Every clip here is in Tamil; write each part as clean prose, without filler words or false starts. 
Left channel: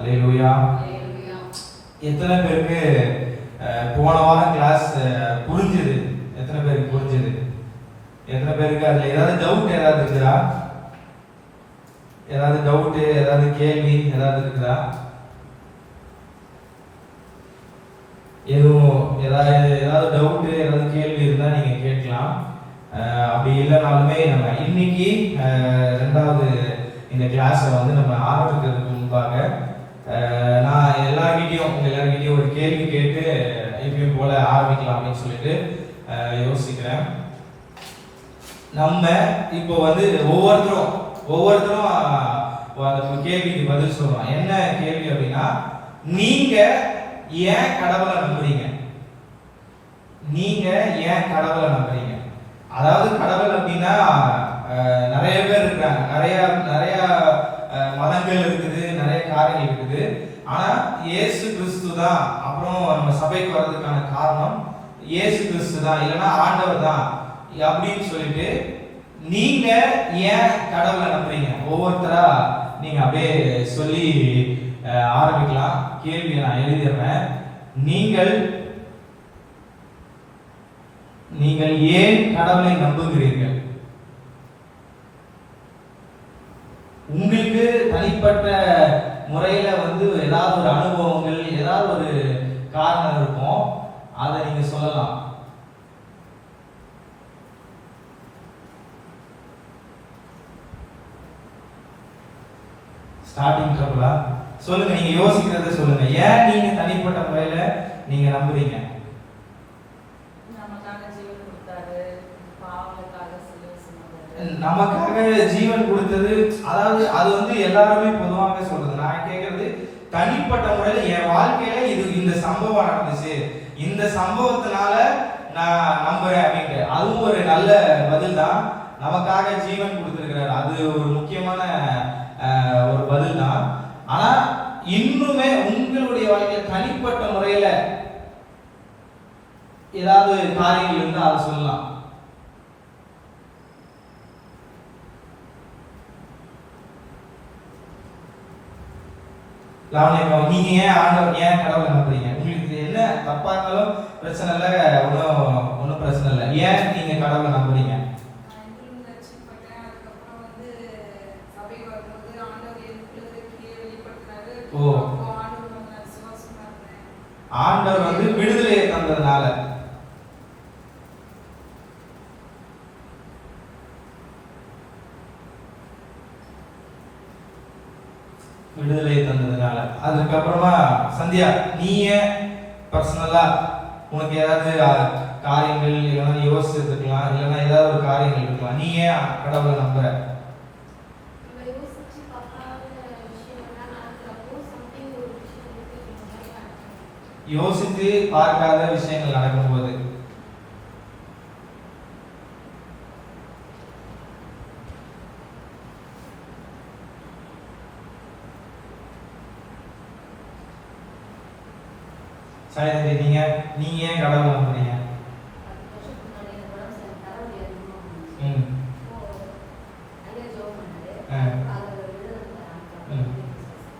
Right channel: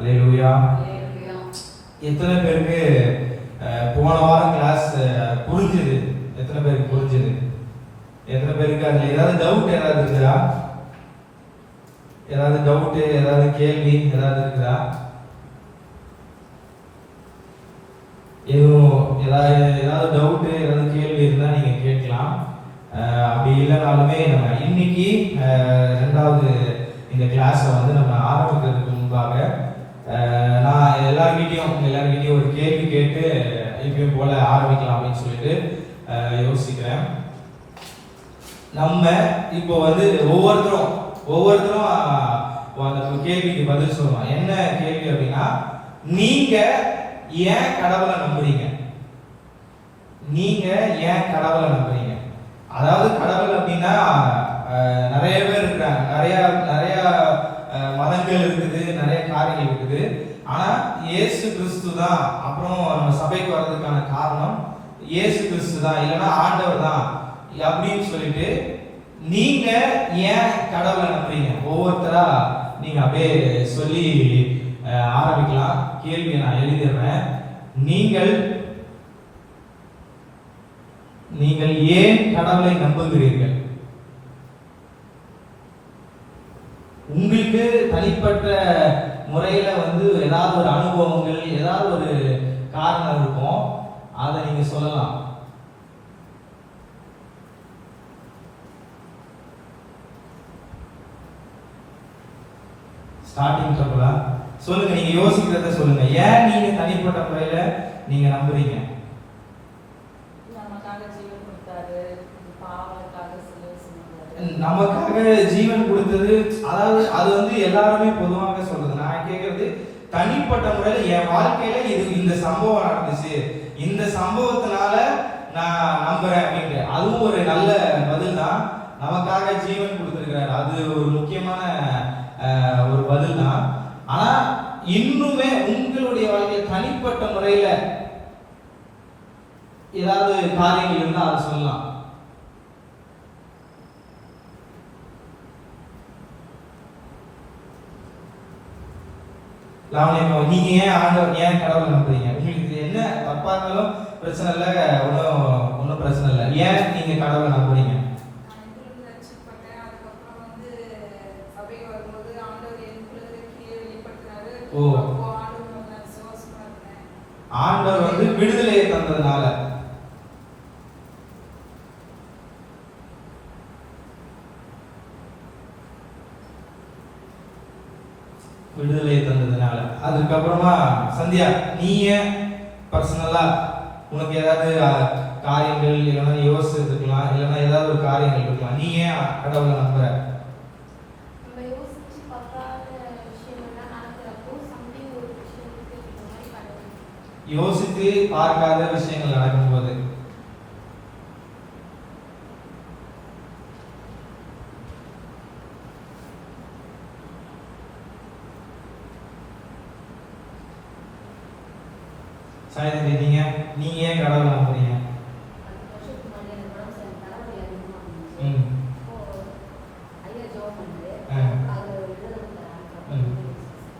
அல்லேலூயா. எத்தனை பேருக்கு போன வாரம் கிளாஸ் புரிஞ்சுது? எத்தனை பேருக்கு புரிஞ்சுது? எத்தனை பேருக்கு அதில் ஏதாவது டவுட் ஏதாவது இருக்குதா? ஏதாவது டவுட்டு, ஏதாவது கேள்வி ஏதாவது இருக்குதா? ஏதாவது டவுட்டு, ஏதாவது கேள்வி இருந்தால் நீங்கள் கேட்கலாம். அப்படி இல்லைனாலுமே நம்ம இன்னைக்கு ரெண்டாவது இந்த கிளாஸை வந்து நம்ம ஆரம்பிக்கிறதுக்கு முன்பாக நான் எல்லார்கிட்டையும் ஒரு கேள்வி கேட்டு எப்பயும் போல ஆரம்பிக்கலாம் அப்படின்னு சொல்லிட்டு யோசிக்கிறேன். நம்ம இப்போ வந்து ஒவ்வொருத்தரும் அந்த கேள்விக்கு பதில் சொல்லுவோம். என்ன கேள்வி அப்படின்னா, நீங்க ஏன் கடவுளை நம்புறீங்க? நீங்க ஏன் கடவுளை நம்புறீங்க? அதாவது கடவுள் அப்படின்னா நிறைய பேர் இருக்காங்க, நிறைய மதங்கள் இருக்குது, நிறைய காரியங்கள் இருக்குது. ஆனா இயேசு கிறிஸ்து தான். அப்புறம் நம்ம சபைக்கு வர்றதுக்கான காரணம் இயேசு கிறிஸ்து தான், இல்லைன்னா ஆண்டவர் தான் அப்படின்னு சொல்லிட்டு நீங்க ஏன் கடவுளை நம்புறீங்க? ஒவ்வொருத்தரா நீங்க அப்படியே சொல்லி ஆரம்பிக்கலாம். கேள்வியை நான் எழுதிடுறேன். நீங்கள் ஏன் கடவுளை நம்புகிறீர்கள்? உங்களுக்கு தனிப்பட்ட முறையில வந்து ஏதாவது ஒரு அனுபவங்கள், ஏதாவது ஒரு காரணம் இருக்கும், அதை நீங்க சொல்லலாம். ஸ்டார்டிங் ட்ரபிளா? சொல்லுங்க, நீங்க யோசிக்கிறத சொல்லுங்க. ஏன் நீங்க தனிப்பட்ட முறையில நீங்க நம்புறீங்க? நமக்காக ஜீவன் கொடுத்தது. அதாவது அது வந்து எல்லாருமே பொதுவாக சொல்றது. நான் கேட்கறது தனிப்பட்ட முறையில என் வாழ்க்கையில இந்த சம்பவம் நடந்துச்சு, இந்த சம்பவத்தினால நான் நம்புறேன் அப்படின்ட்டு. அதுவும் ஒரு நல்ல பதில் தான். நமக்காக ஜீவன் கொடுத்திருக்கிறார், அது ஒரு முக்கியமான ஒரு பதில் தான். ஆனா இன்னுமே உங்களுடைய வாழ்க்கையில தனிப்பட்ட முறையில ஏதாவது காரியங்கள் இருந்தா அதை சொல்லலாம். நீங்க ஏன் கடவுளை நம்புறீங்க? உங்களுக்கு என்ன தப்பா இருந்தாலும் பிரச்சனை இல்லை, ஒன்றும் பிரச்சனை இல்லை. ஏன் நீங்க கடவுளை நம்புறீங்க? ஆண்டவர் வந்து விடுதலையை தந்ததுனால. விடுதலையை தந்ததுனால. அதுக்கப்புறமா சந்தியா, நீ ஏன் பர்சனலா உனக்கு ஏதாவது காரியங்கள் இல்லைன்னா யோசிச்சிருக்கலாம், இல்லைன்னா ஏதாவது ஒரு காரியங்கள் இருக்கலாம், நீ ஏன் கடவுளை நம்புற? யோசித்து பார்க்காத விஷயங்கள் நடக்கும்போது நீங்க ஏன் கடவுளை நம்புறீங்க?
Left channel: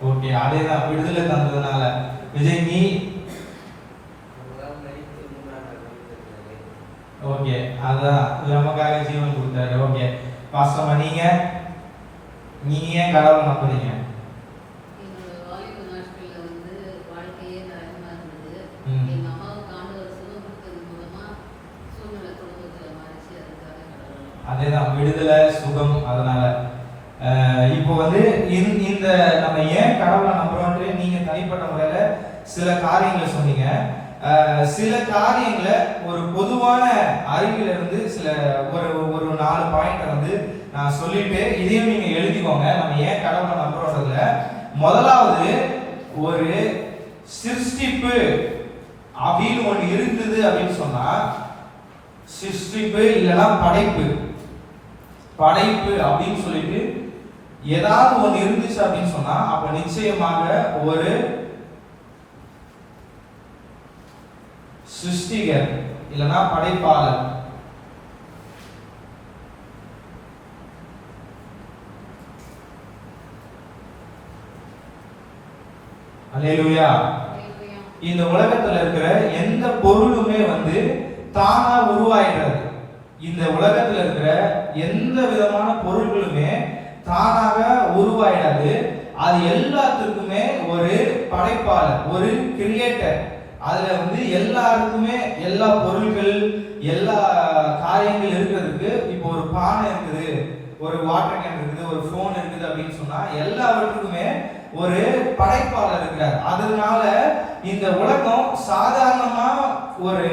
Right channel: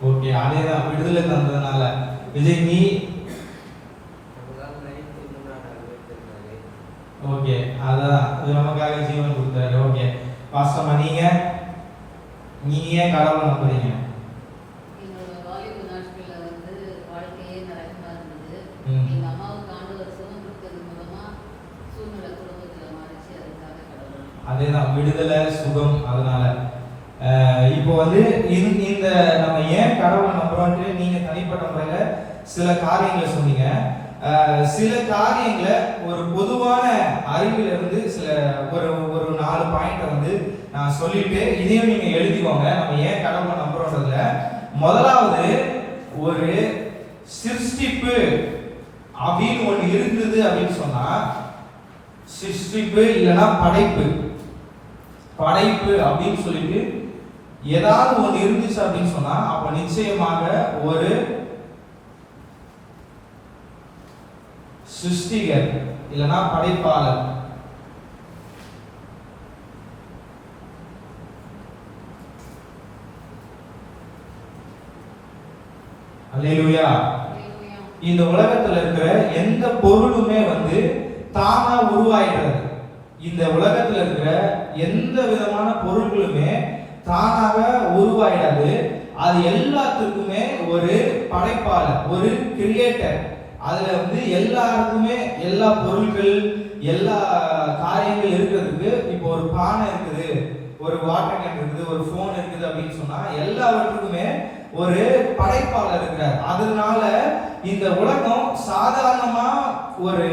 ஓகே, அதேதான், விடுதலை தந்ததுனால. விஜய், நீ? ஓகே, அதான் நமக்காக ஜீவன் கொடுத்தாரு. ஓகே, வாஸ்தவமா நீங்க ஏன் கடவுளை நம்புறீங்க? அதேதான், விடுதலை, சுகம். அதனால இப்போ வந்து இந்த நம்ம ஏன் கடவுளை நம்புறோம்னு நீங்க தனிப்பட்ட முறையில சில காரியங்களை சொன்னீங்க. சில காரியங்களை ஒரு பொதுவான அறிவில இருந்து ஒரு 4 பாயிண்ட் வந்து நான் சொல்லிட்டு இதையும் நீங்க எழுதிக்கோங்க. நம்ம ஏன் கடவுளை நம்புறோம்ன்றதுல முதலாவது, ஒரு சிருஷ்டிப்பு அப்படின்னு ஒண்ணு இருந்தது அப்படின்னு சொன்னா, சிருஷ்டிப்பு இல்லைன்னா படைப்பு அப்படின்னு சொல்லிட்டு ஏதாவது ஒண்ணு இருந்துச்சு அப்படின்னு சொன்னா, அப்ப நிச்சயமாக ஒரு சிருஷ்டிகர் இல்லைன்னா படைப்பாளர். அல்லேலூயா. இந்த உலகத்துல இருக்கிற எந்த பொருளுமே வந்து தானா உருவாயிடுறது. இந்த உலகத்துல இருக்கிற எந்த விதமான பொருட்களுமே தானாக உருவாயிடாது. அது எல்லாத்துக்குமே ஒரு படைப்பாளர், ஒரு கிரியேட்டர். அதுல வந்து எல்லாருக்குமே எல்லா பொருட்கள், எல்லா காரியங்கள் இருக்கிறதுக்கு, இப்போ ஒரு பானை இருக்குது, ஒரு வாட்டர் கேன் இருக்குது, ஒரு போன் இருக்குது அப்படின்னு சொன்னா எல்லாவற்றுக்குமே ஒரு படைப்பாளர் இருக்கிறார். அதனால இந்த உலகம் சாதாரணமா ஒரு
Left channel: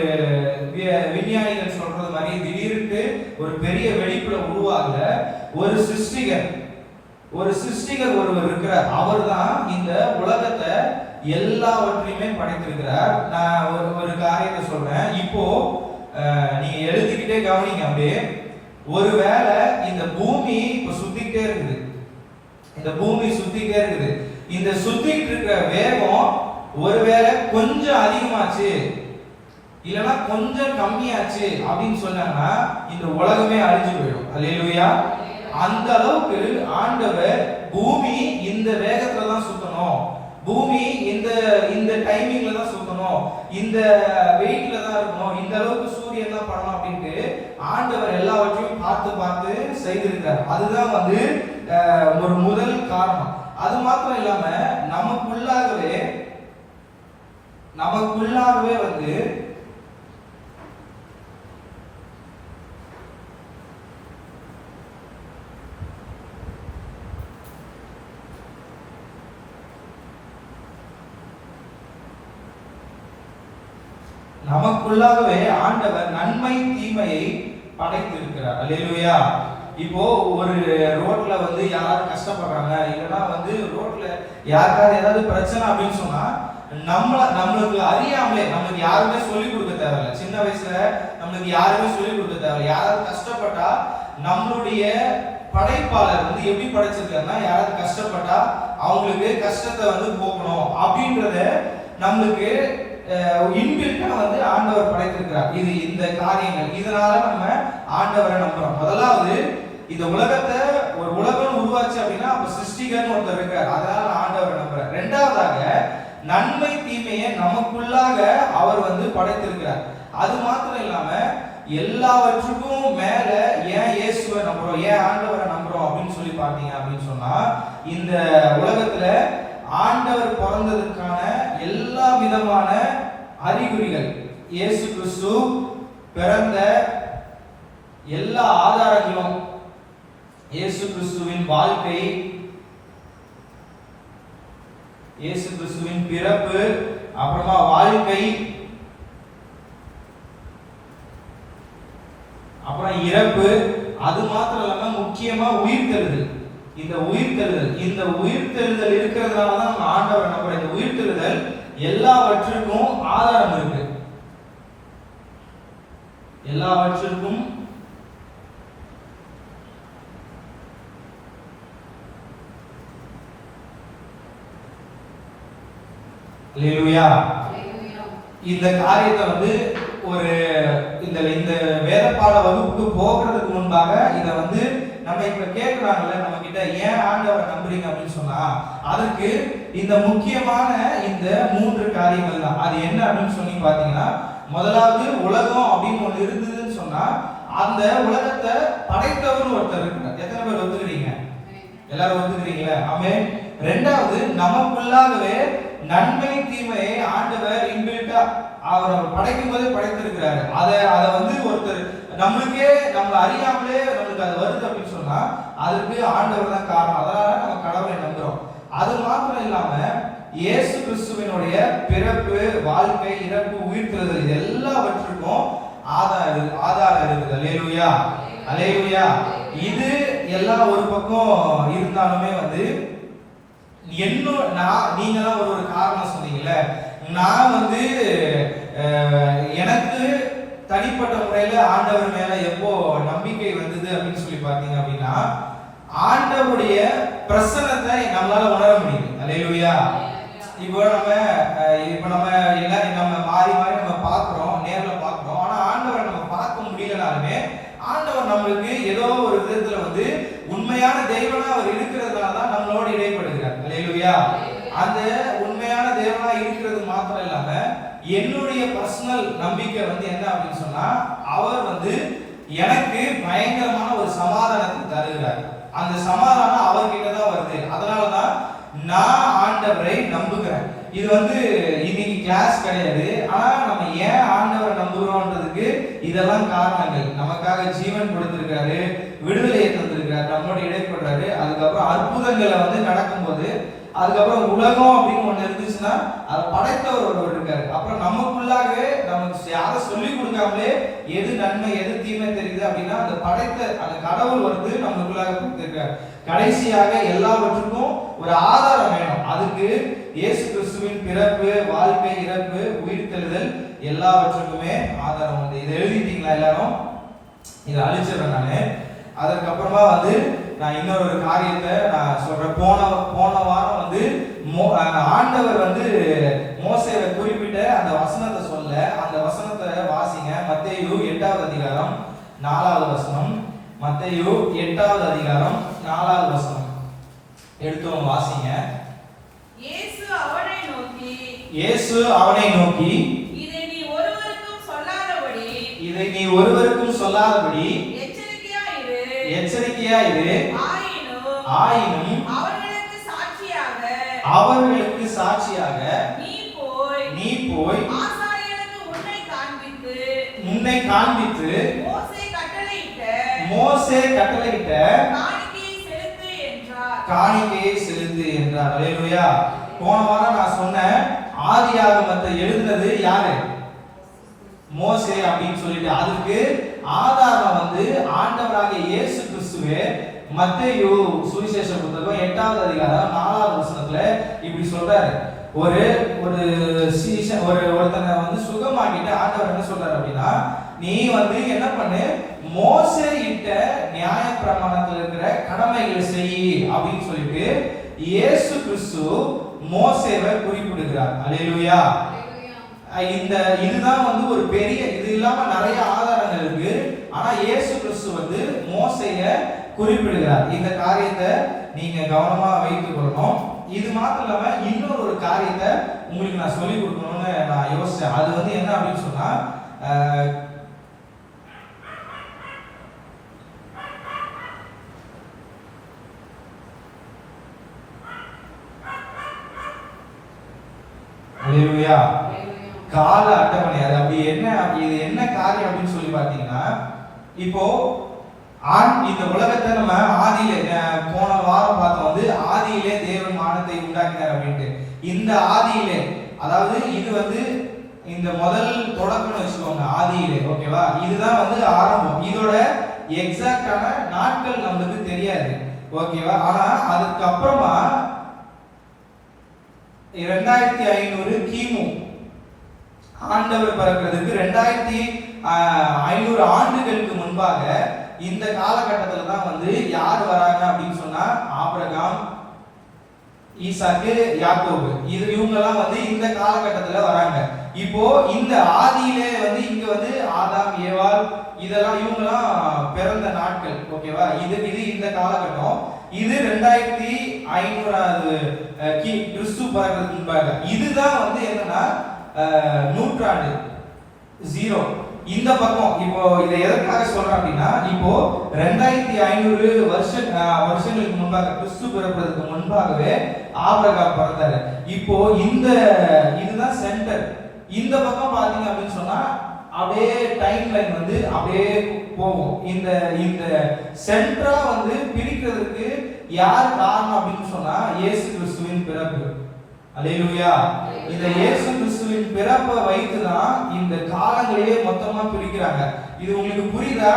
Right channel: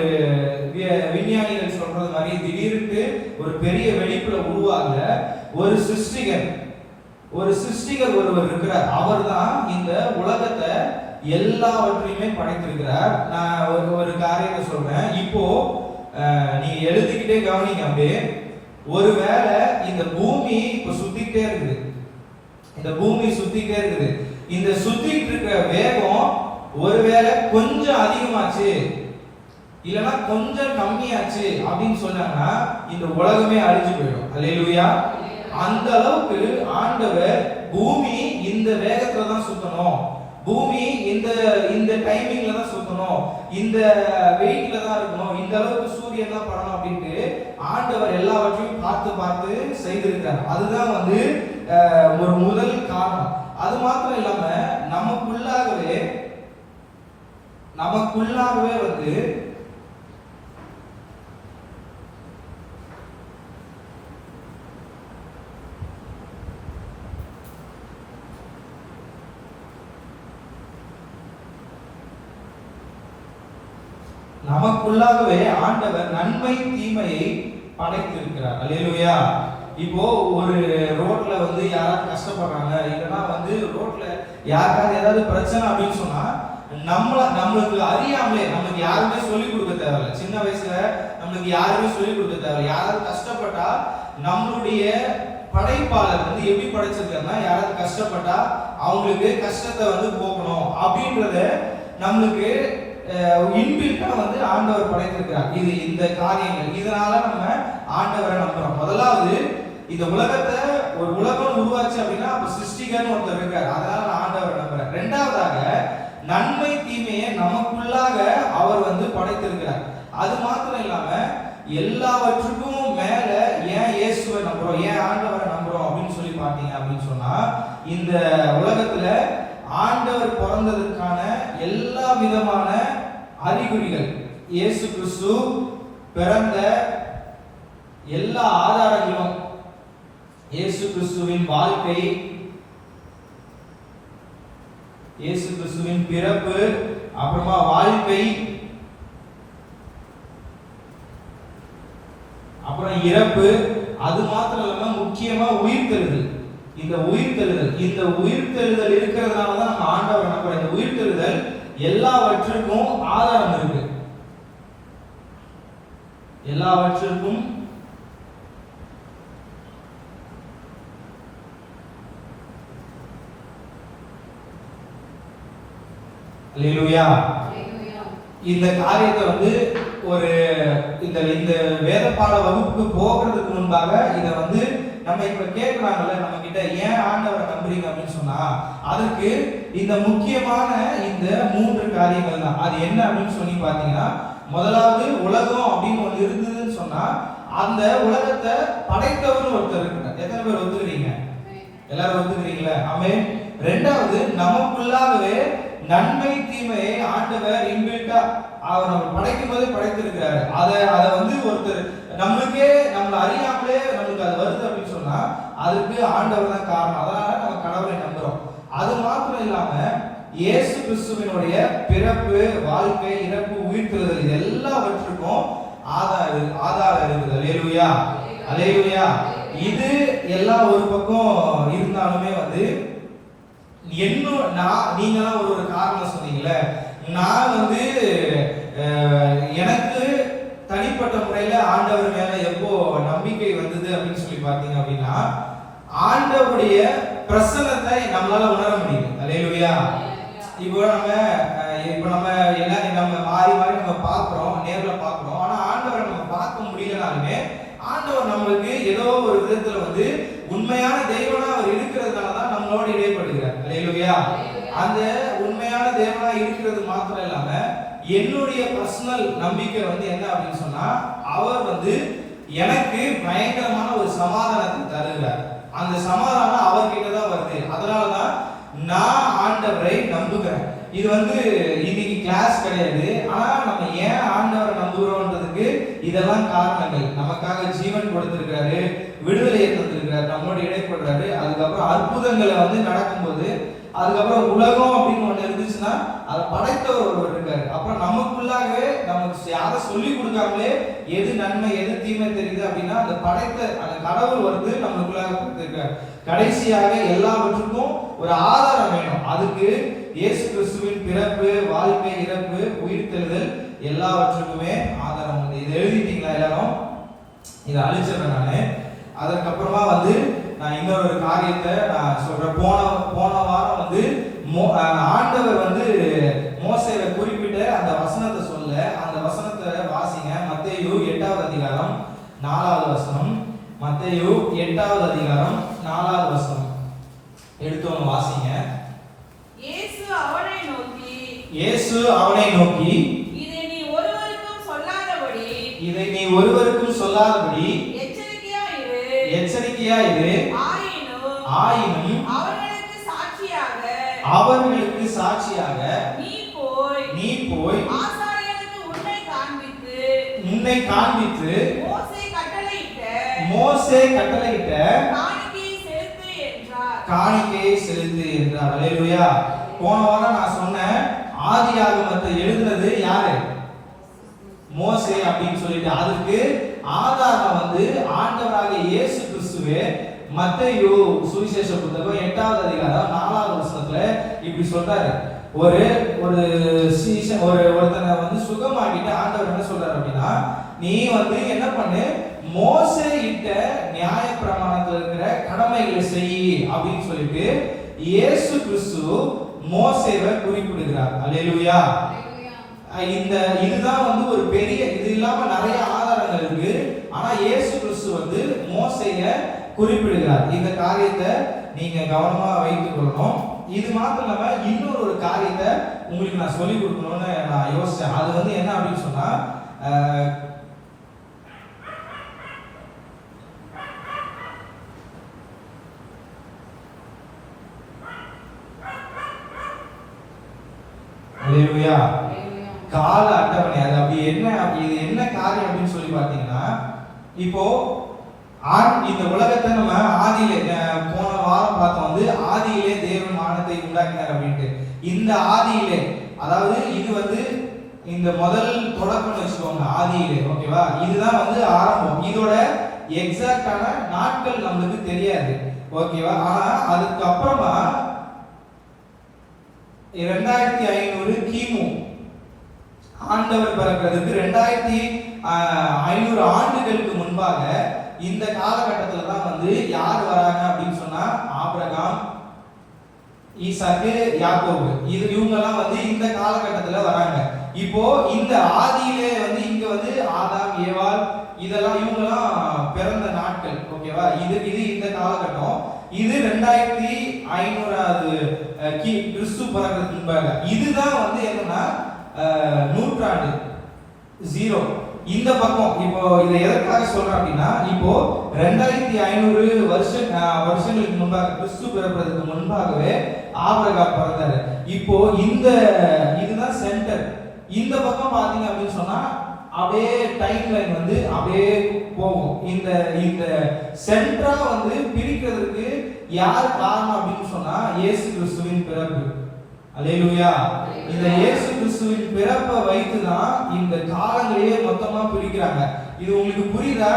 விஞ்ஞானிகள் சொல்றது மாதிரி திடீர்னு ஒரு பெரிய வெடிப்புல உருவாகல. ஒரு சிருஷ்டிகர் ஒருவர் இருக்கிறார். அவர் தான் இந்த உலகத்தை எல்லாவற்றையுமே படைத்திருக்கிறார். நான் ஒரு காரியத்தை சொல்றேன். இப்போ நீங்க எழுதிக்கிட்டே கவனிங்க. அப்படியே ஒருவேளை இந்த பூமி இப்ப சுத்திக்கிட்டே இருக்குது, இந்த பூமி சுத்திக்கிட்டே இருக்குது. இந்த சுத்திட்டு இருக்கிற வேகம் ஒருவேளை கொஞ்சம் அதிகமாச்சு இல்லைன்னா கொஞ்சம் கம்மியாச்சு அப்படின்னு சொன்னாங்கன்னா இந்த உலகமே அழிஞ்சு போயிடும். அல்லேலூயா. அந்த அளவுக்கு ஆண்டவர் பூமி இந்த வேகத்துல தான் சுத்தணும், பூமி இந்த டைமிங்ல தான் சுத்தணும், இந்த வெயிட்ல தான் இருக்கணும், இந்த அளவுக்கு சூரியன் தான் படணும் அப்படின்ட்டு ஆண்டவர் எல்லாவற்றையும் பார்த்து பார்த்து செய்திருக்கார். அதுதான் வந்து ஒரு முதல் காரணம். அது மாத்திரம் இல்லாம நமக்குள்ளாகவே வந்து ஆண்டவர் நன்மை தீமையை படைத்திருக்கிறார். அல்லேலூயா. இப்போ ஒரு ரோட்ல வந்து யாராவது கஷ்டப்படுறாங்க, இல்லைன்னா வந்து ரோட்ல யாருக்காவது ஏதாவது பிரச்சனை அப்படின்னு சொன்னா நம்மளுக்கு அறியாமலே, நம்மளுக்கு யாருமே சொல்லிக் கொடுக்க தேவையில்லை. சின்ன வயசுல நம்மளுக்கு யாருமே சொல்லிக் கொடுக்க தேவையில்லை. யாராவது கஷ்டப்பட்டா நம்மளுடைய படைப்பாளர் வந்து எப்படி படைச்சிருக்காருன்னா, யாராவது கஷ்டப்பட்டா அவங்களுக்கு கஷ்டத்தை வந்து போக்கணும் அப்படின்றத நம்மளுக்கு இன்பில்ட்டா வந்து ஆண்டவர் படைத்திருக்கிறார். இது இந்த காரியங்கள். இதனால நம்ம ஆண்டவரை நம்புறோம். முதலாவது இந்த உலகத்தை ஒரு உலகம் உருவாச்சு அப்படின்னா அப்ப சிருஷ்டிகர்னு ஒருத்தர் இருக்கார். அதனால நான் ஆண்டவரை நம்புறேன். இரண்டாவதாக நன்மை தீமையை நமக்குள்ளாக அவர் வந்து படைத்திருக்கிறார். அது மாத்திரம் இல்லாம எல்லாவற்றுக்கும் மேல ஏன் இயேசுவை நம்புறோம், ஏன் ஆண்டவரை நம்புறோம் அப்படின்னு சொல்லி பார்த்தீங்க அப்படின்னு சொன்னா, இந்த உலகத்துல ஆண்டவர் பிறந்ததற்கான எல்லா விதமான அறிகுறிகள், இயேசு கிறிஸ்து பிறந்த எல்லா ஆதாரங்களும், இயேசு கிறிஸ்துவின் வாழ்க்கை, இயேசு கிறிஸ்துவின் பிறப்பு, அப்புறமா வாழ்க்கை, அப்புறம் இறப்பு, அது மாத்திரம் இல்லாம முக்கியமா உயிர்த்தெழுதல். இந்த உயிர்த்தெழுதல் இருக்கிறதுனால தான் நம்ம ஆண்டவரை நம்புறோம். இந்த உயிர்த்தெழுதல் எல்லாவற்றுக்கும் ஆதாரம் இருக்கு. எல்லாவற்றுக்கும் அல்லேலூயா. இந்த காரியத்தை வந்து ஒரு இந்த வேதப்பாட வகுப்புக்கு போகிறதுக்கு முன்பாக இதை வந்து நம்ம இப்ப கேட்கிறாங்கல்ல நம்ம கிட்ட, ஏன் ஆண்டவரை நம்புறீங்க அப்படின்னு சொன்னா அதுக்கு இந்த முக்கியமான இந்த 3 காரியங்கள் தான். அது என்ன அப்படின்னு சொல்லி பாத்தீங்கன்னா, முதலாவது உலகம் அப்படின்னு ஒண்ணு இருந்ததுன்னு சொன்னா அந்த உலகத்தை படைத்தவர் ஒருத்தர் இருக்கிறார். எத்தனை பேர் ஒத்துக்கிறீங்க? எல்லாரும் ஒத்துக்கிறீங்களா? ஆமென். இரண்டாவது நமக்குள்ளாகவே நன்மை தீமையை ஆண்டவர் இன்பில்ட்டா அவர் நம்ம படைக்கும் போதே படைத்திருக்கிறாரு. அதை வந்து ஒருத்தர் நம்மளுக்கே நம்மள அறியாமலே நம்மளுக்கு அது வருது அப்படின்னு சொன்னா அதுக்கு ஆண்டவர் தான் காரணம். அதனால நம்ம கடவுளை நம்புறோம். அது மாத்திரம் இல்லாம இயேசு கிறிஸ்துவினுடைய பிறப்பு, வாழ்க்கை, இறப்பு, உயிர்த்தெழுதல் இது எல்லாவற்றுக்கும் ஆதாரம் இருக்குது. அல்லேலூயா, அல்லேலூயா. இது எல்லாம் ஒரு பக்கம் இருந்தாலுமே வந்து நீங்களாம் ஒரு காரணம் சொன்னீங்கல்ல, நான் வந்து எனக்கு தனிப்பட்ட முறையில ஆண்டவர் மேல எப்போ நம்பிக்கை வந்தது அப்படின்னு சொல்லி பார்த்தீங்க அப்படின்னா, ஆண்டவருடைய பிரசன்னத்தை நம்மளால உணர முடியுது. அல்லேலூயா. இப்போ நம்ம எல்லாம் நம்ம மாறி நம்ம பார்க்கிறோம், நேர்ல பார்க்கிறோம். ஆனா ஆண்டவரை நம்ம பார்க்க முடியலனாலுமே ஆண்டவர் நம்மளுக்கு ஏதோ ஒரு விதத்துல வந்து உண்மையான தெய்வனா அவர் இருக்கிறதுனால தான் நம்மளோட இடைப்படுகிறார். அல்லேலூயா. அந்த உண்மையான தேவனா இருக்கிறது மாத்திரம் இல்லாம என்னுடைய பர்சனல் நம்பிக்கை வந்து என்ன அப்படின்னு சொன்னா, அவர் வந்து எனக்கு பயங்கரமான ஒரு சமாதானத்தை தருகிறார். அந்த சமாதானம் அவர்கிட்ட தான் வருது. அதனாலதான் நான் ஆண்டவரை நம்புகிறேன். இது வந்து இன்னைக்கு கிளாஸ் கிடையாது. ஆனா நம்ம ஏன் ஆண்டவரை நம்புகிறோம்ன்றதுக்கு இதெல்லாம் காரணங்கள். நமக்காக ஜீவன் கொடுத்திருக்காரு, விடுதலையை தந்திருக்காரு, நம்மோட இடைப்படுறாரு. அதுக்கப்புறம் அற்புதங்களை வந்து நடக்கும்போது, அதுக்கப்புறம் உலகம் அப்படின்னு ஒண்ணு இருந்துச்சுன்னா அதை படைத்தவர் ஒருவர் இருக்காரு. அப்புறம் நமக்குள்ளாகவே நமக்கு யாரை சொல்லி கொடுக்காமலே எது நன்மை எது தீமை தெரியுது அப்படின்னா அந்த படைத்த அந்த கடவுள் வந்து நம்மளுக்குள்ளாக கொடுத்திருக்காரு. கடைசியாக எல்லாவற்றுக்கும் ஒரு ஆதாரம் வேணும். அதுக்கு இயேசு கிறிஸ்துவின் பிறப்பு, வாழ்க்கை, இறப்பு, உயிர்த்தெழுதல் எல்லாவற்றுக்குமே ஆதாரம் வந்து. இதை எழுதிட்டீங்களா எல்லாரும்? இதை அழிச்சிடுறேன் நானு. அதற்கப்புறமா வந்து நான் இன்னொரு காரியத்தை நான் சொல்றேன். போன வாரம் வந்து ஆண்டவர் வந்து மோசேவை குறிப்பிட்ட அந்த வசனத்தை சொல்ல, அந்த வசனத்தை வாசிங்க. மத்தேயு 8வது அதிகாரம் 4வது வசனம். மத்தேயு 8வது அதிகாரம் 4வது வசனம் எடுத்தவங்க வாசிங்க. இயேசு அவனை நோக்கி இதை நீ ஒருவருக்கும் சொல்லாதபடி எச்சரிக்கையா இரு. ஆயினும் அவர்களுக்கு சாட்சியாக நீ போய் உன்னை காண்பித்து மோசே கட்டளையிட்ட காணிக்கையை செலுத்து என்றார். அல்லேலூயா. போன வாரம் நான் சொன்னேன், ஆதியாகமத்தை எழுதுனது யாரு? மோசே அப்படின்னு சொல்லிட்டு. அதுக்கு ஆதாரம் வந்து ஆண்டவராகிய இயேசு கிறிஸ்துவே மத்தேயு சுவிசேஷ புத்தகம் 8வது அதிகாரம் 4வது வசனத்துல இப்படி சொல்றாரு. ஒருத்தனை வந்து சுகமாக்கிட்டு ஆண்டவர் என்ன சொல்றாரு அப்படின்னா, நீ வந்து என்ன பண்ணு, மோசே இட்ட நியாய பிரமாணத்துல இருக்கிற கடமைகளை செய் அப்படின்னு சொல்லிட்டு இயேசு கிறிஸ்து மோசேவை குறிப்பிடுகிறார். அல்லேலூயா. இதுதான் வந்து ஒரு பெரிய, இது இல்லாம நிறைய ஆதாரங்கள் இருக்கு. ஆனா இயேசு கிறிஸ்து வந்து மோசேய குறிப்பிடுகிறார். இந்த காரியத்தை நீங்க கவனமா வைத்துக் கொள்ளணும். இது மாத்திரம் இல்லாம இன்னொரு காரியத்தை உங்களுக்கு நான் சொல்லி கொடுக்கணும்னு நான் யோசிச்சேன். அது வந்து என்ன அப்படின்னு சொன்னா, அல்லேலூயா, கால அட்டவணை. அது அப்படி என்ன, இது என்ன காரியம் அப்படின்னு சொல்லி பார்த்தீங்கன்னா, இப்போ இந்த உலகத்தை நம்ம ஆதியிலே போன வாரம் பார்த்தோம் வந்து ஆதியிலே தேவன் வானத்தை உண்டாக்கினார் அப்படின்ட்டு. இந்த ஆதியிலே, அதாவது இது வந்து இந்த முதல் தொடக்கம்னு வச்சுக்கோங்க, ஆதியிலே. ஓகேவா? இதுதான் வந்து ஆரம்பம். இதோட எக்ஸாக்டான நாட்கள் நம்மளுக்கு தெரியாது. ஓகேவா? ஆனா அதுக்கு அப்புறமா 2500 கிமு ஆண்டவர் பிறக்கிறதுக்கு 2500 ஆண்டுகளுக்கு முன்பாக இந்த காலகட்டத்துல தான் வந்து யார் வராங்க அப்படின்னு சொன்னா, ஆபிரகாம், ஈசாக்கு, யாக்கோபு, இவங்க எல்லாம் வந்து இந்த காலகட்டத்துல வராங்க. இப்போ இந்த ஆதியிலே வந்து இங்க வந்து ஆதாம், ஏவாள், இதெல்லாம் இவங்கெல்லாம் பிறந்த நாட்கள். ஓகேவா? இது இந்த காலகட்டம். இது 2500வது கிறிஸ்து பிறக்கிறதுக்கு முன்பாக. இதுதான் வந்து என்னன்னா நூற்றாண்டு 0. இந்த பக்கம் இப்போ இதை எதற்காக சொல்றேன் அப்படின்னா, இப்போ 2500 வருஷங்களுக்கு முன்பாக, கிறிஸ்து பிறப்பதற்கு முன்பாகவே ஆபிரகாம் பிறந்தாரு. இப்போ இதுதான் சென்டர். இந்த பக்கம் பாத்தீங்க அப்படின்னு சொன்னா அப்படியே டைம் லைன் வந்து அப்படியே போகும். இந்த சென்டரா வந்து பிரிக்கிறதுக்கு யார் காரணம் அப்படின்னு சொன்னா, இயேசு கிறிஸ்துவின் பிறப்பு. அல்லேலூயா. இந்த இயேசு கிறிஸ்துவின் பிறப்பை வைத்துதான் இந்த காலங்களையே மொத்தமா பிரிக்கிறாங்க. இது உங்களுக்கு புரியுதா?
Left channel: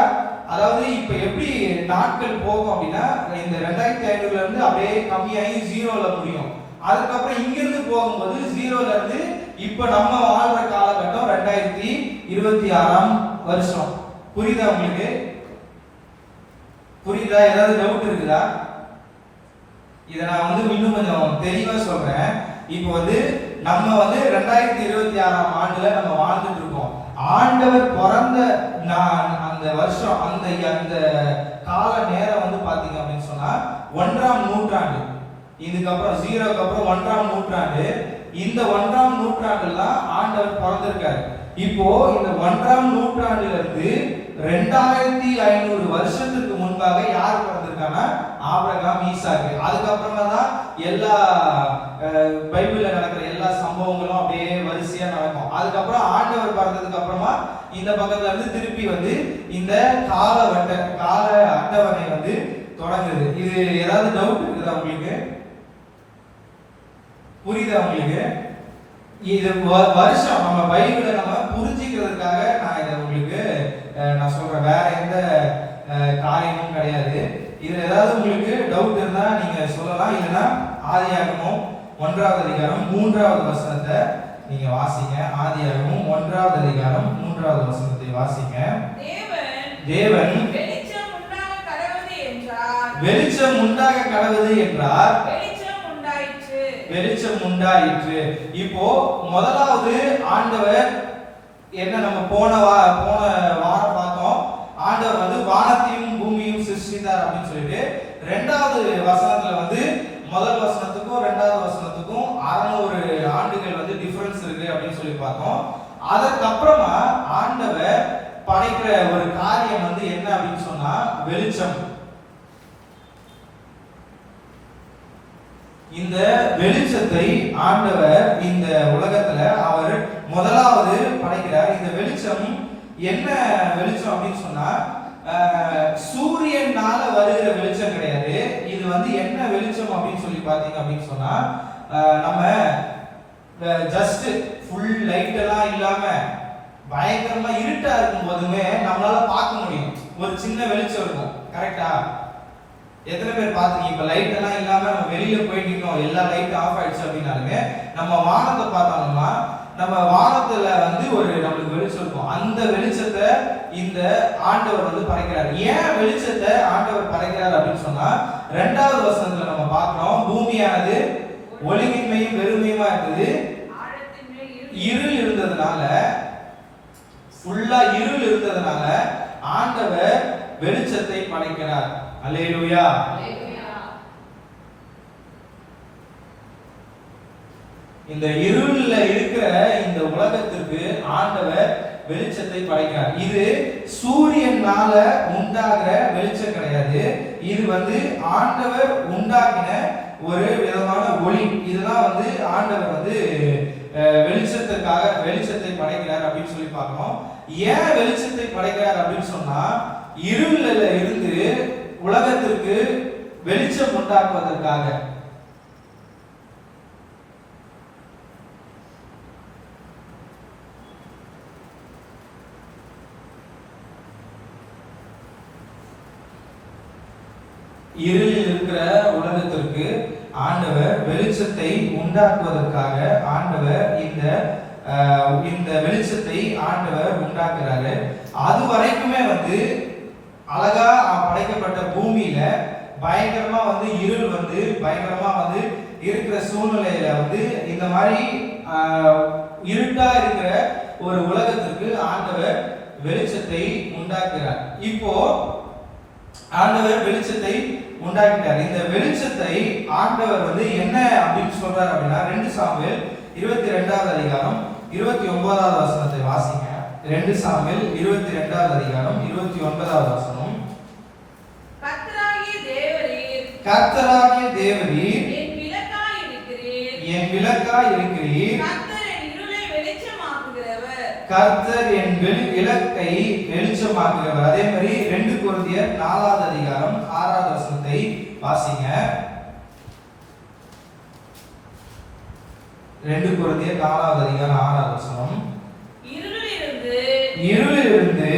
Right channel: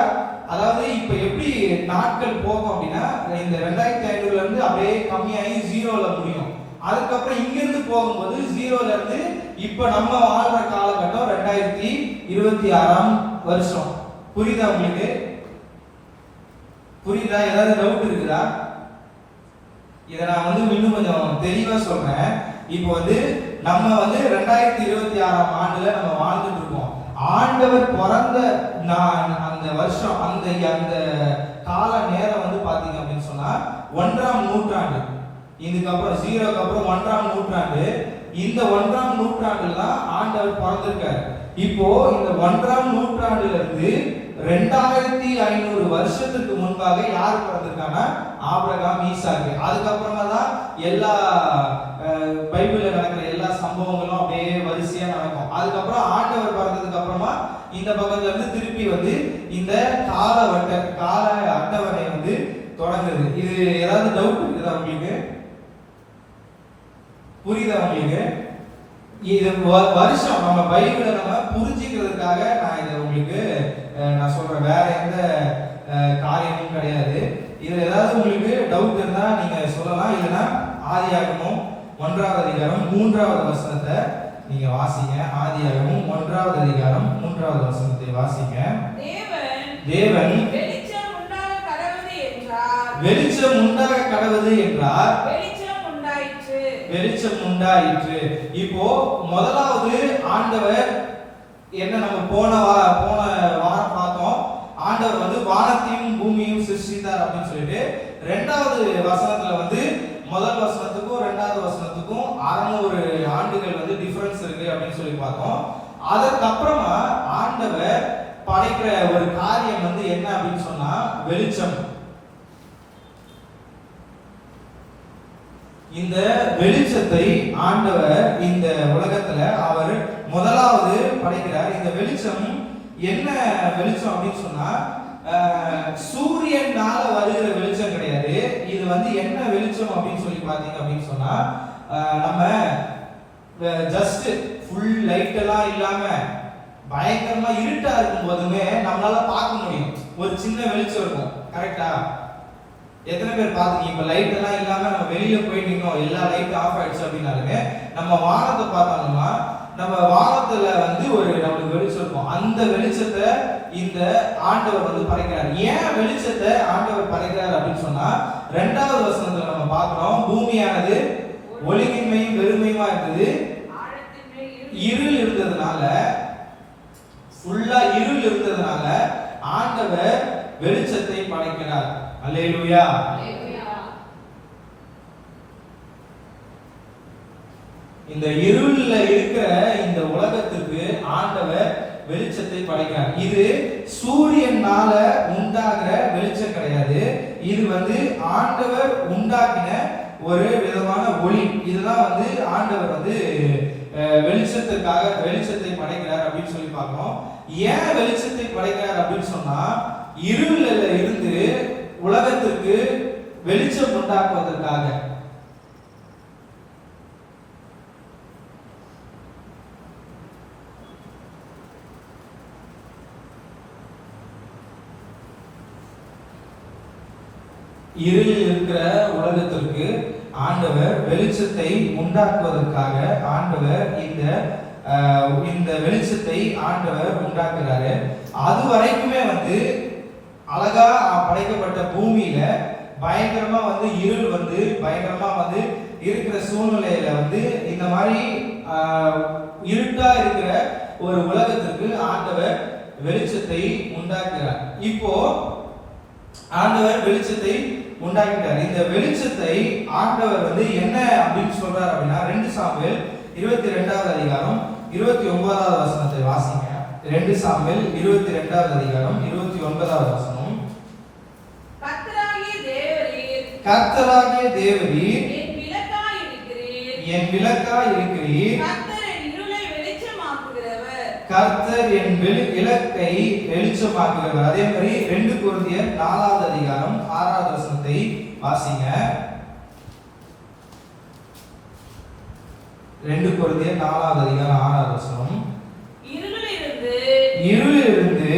அதாவது இப்ப எப்படி நாட்கள் போகும் அப்படின்னா, இந்த 2500ல இருந்து அப்படியே கம்மியாகி 0ல முடியும். அதுக்கப்புறம் இங்க இருந்து போகும்போது 0ல இருந்து இப்ப நம்ம வாழ்ற காலகட்டம் 2026ஆம் வருஷம். புரியுதா உங்களுக்கு? புரியுதா? ஏதாவது டவுட் இருக்குதா? இதை நான் வந்து இன்னும் கொஞ்சம் தெளிவா சொல்றேன். இப்போ வந்து நம்ம வந்து 2026ஆம் ஆண்டுல நம்ம வாழ்ந்துட்டு இருக்கோம். ஆண்டவர் பிறந்த அந்த வருஷம், அந்த கால நேரம் வந்து பாத்தீங்க அப்படின்னு சொன்னா 1ஆம் நூற்றாண்டு. இதுக்கப்புறம் 0க்கு அப்புறம் 1ஆம் நூற்றாண்டு. இந்த 1ஆம் நூற்றாண்டுல தான் ஆண்டவர் பிறந்திருக்காரு. இப்போ இந்த 1ஆம் நூற்றாண்டுல இருந்து 2500 வருஷத்துக்கு முன்பாக யார் பிறந்திருக்காங்கன்னா ஆபிரகாம், ஈசாக்கு. அதுக்கப்புறமா தான் எல்லா பைபிள்ல நடக்கிற எல்லா சம்பவங்களும் அப்படியே வரிசையா நடக்கும். அதுக்கப்புறம் ஆண்டவர் பிறந்ததுக்கு அப்புறமா இந்த பக்கத்துல இருந்து திருப்பி வந்து இந்த கால அட்டவணை வந்து தொடங்குது. இது ஏதாவது டவுட் இருக்குதா உங்களுக்கு? புரியுதா உங்களுக்கு? இது வருஷம் நம்ம பைபிளை நம்ம புரிஞ்சுக்கிறதுக்காக நான் இதை உங்களுக்கு நான் சொல்றேன். வேற எந்த காரியமும் கிடையாது. இதுல ஏதாவது உங்களுக்கு டவுட் இருந்தா நீங்க சொல்லலாம். இல்லைன்னா ஆதியாகமம் 1ஆவது அதிகாரம் 3வது வசனத்தை நீங்க வாசிங்க. ஆதியாகமம் 1வது அதிகாரம் 3வது வசனத்தை வாசிங்க. தேவன் வெளிச்சம் உண்டாக கடவுது என்றார். வெளிச்சம் உண்டாக கடவுது என்றார். வெளிச்சம் உண்டாயிற்று. இப்போ முதலாவது ஆண்டவர் என்ன, நம்ம போன வாரம் பார்த்தோம். ஆண்டவர் வந்து வானத்தையும் பூமியையும் சிருஷ்டித்தார் அப்படின்னு சொல்லிட்டு 2வது வசனத்துல வந்து முதல் வசனத்துக்கும் 2வது வசனத்துக்கும் 600 ஆண்டுகள் வந்து டிஃபரன்ஸ் இருக்கு அப்படின்னு சொல்லி பார்த்தோம். அதற்கப்புறமா ஆண்டவர் படைக்கிற ஒரு காரியம் வந்து என்ன அப்படின்னு சொன்னா வெளிச்சம். இந்த வெளிச்சத்தை ஆண்டவர் இந்த உலகத்துல அவர் முதலாவது படைக்கிறார். இந்த வெளிச்சம் என்ன வெளிச்சம் அப்படின்னு சொன்னா சூரியனால வருகிற வெளிச்சம் கிடையாது. இது வந்து என்ன வெளிச்சம் அப்படின்னு சொல்லி பாத்தீங்க அப்படின்னு சொன்னா நம்ம ஜஸ்ட் ஃபுல் லைட் எல்லாம் இல்லாம பயங்கரமா இருட்டா இருக்கும் போதுமே நம்மளால பார்க்க முடியும். ஒரு சின்ன வெளிச்சம் இருக்கும். கரெக்டா? எத்தனை பேர் பாத்தீங்க? இப்ப லைட் எல்லாம் இல்லாம நம்ம வெளியில போயிட்டு இருக்கோம், எல்லா லைட் ஆஃப் ஆயிடுச்சு அப்படின்னாலுமே நம்ம வானத்தை பார்த்தோம்னா நம்ம வானத்துல வந்து ஒரு நம்மளுக்கு வெளிச்சம் இருக்கும். அந்த வெளிச்சத்தை இந்த ஆண்டவர் வந்து படைக்கிறார். ஏன் வெளிச்சத்தை ஆண்டவர் படைக்கிறார் அப்படின்னு சொன்னா 2வது வசனத்துல நம்ம பார்க்கிறோம், பூமியானது ஒளியின்மையும் வெறுமையுமா இருந்தது, இருள் இருந்ததுனால, ஃபுல்லா இருள் இருந்ததுனால ஆண்டவர் வெளிச்சத்தை படைக்கிறார். அல்லேலூயா. இந்த இருள்ல இருக்கிற இந்த உலகத்துக்கு ஆண்டவர் வெளிச்சத்தை படைக்கிறார். இது சூரியனால உண்டாகிற வெளிச்சம் கிடையாது. இது வந்து ஆண்டவர் உண்டாக்கின ஒரு விதமான ஒளி. இதுதான் வந்து ஆண்டவர் வந்து வெளிச்சத்துக்காக வெளிச்சத்தை படைக்கிறார் அப்படின்னு சொல்லி பார்க்கிறோம். ஏன் வெளிச்சத்தை படைக்கிறார் அப்படின்னு சொன்னா இருள்ல இருந்து உலகத்திற்கு வெளிச்சம் உண்டாக்குவதற்காக. இருளில் இருக்கிற உலகத்திற்கு ஆண்டவர் வெளிச்சத்தை உண்டாக்குவதற்காக ஆண்டவர் இந்த வெளிச்சத்தை ஆண்டவர் உண்டாக்குறாரு. அது வரைக்குமே வந்து அழகா படைக்கப்பட்ட பூமியில பயங்கரமா வந்து இருள் வந்து பயங்கரமா வந்து இருக்கிற சூழ்நிலையில வந்து இந்த மாதிரி இருட்டா இருக்கிற ஒரு உலகத்திற்கு ஆண்டவர் வெளிச்சத்தை உண்டாக்குறார். இப்போ ஆண்டவர் வெளிச்சத்தை உண்டாக்கிட்டார். இந்த வெளிச்சத்தை ஆண்டவர் வந்து என்ன அப்படின்னு சொல்றார் அப்படின்னா 2 சாமுவேல் 22வது அதிகாரம் 29வது வசனத்தை வாசிங்க. 2 சாமுவேல் 22வது அதிகாரம் 29வது வசனம். கர்த்தராகிய தேவரீர் என் விளக்காய் இருக்கிறீர். கர்த்தர் என் விளக்கை வெளிச்சமாக்குகிறவர். அதே மாதிரி 2 கொரிந்தியர் 4வது அதிகாரம் 6வது வசனத்தை வாசிங்க. 2 கொரிந்தியர் 4வது அதிகாரம் 6வது வசனம். இருளிலிருந்து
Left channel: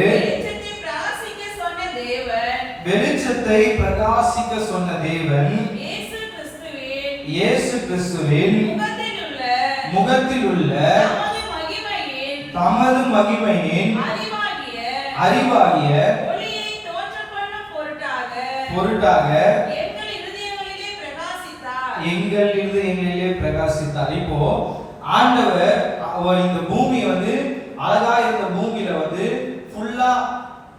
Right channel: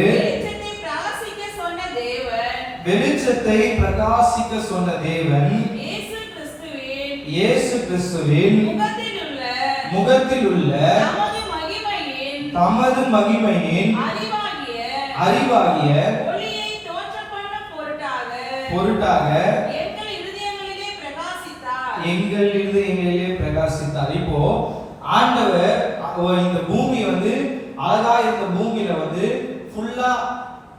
வெளிச்சத்தை பிரகாசிக்க சொன்ன தேவன் இயேசு கிறிஸ்துவின் முகத்தில் உள்ள தமது மகிமையின் அறிவாகிய பொருட்டாக எங்கள் இருதயங்களிலே பிரகாசித்தார். இப்போ ஆண்டவர் இந்த பூமி வந்து அழகா இருந்த பூமியில வந்து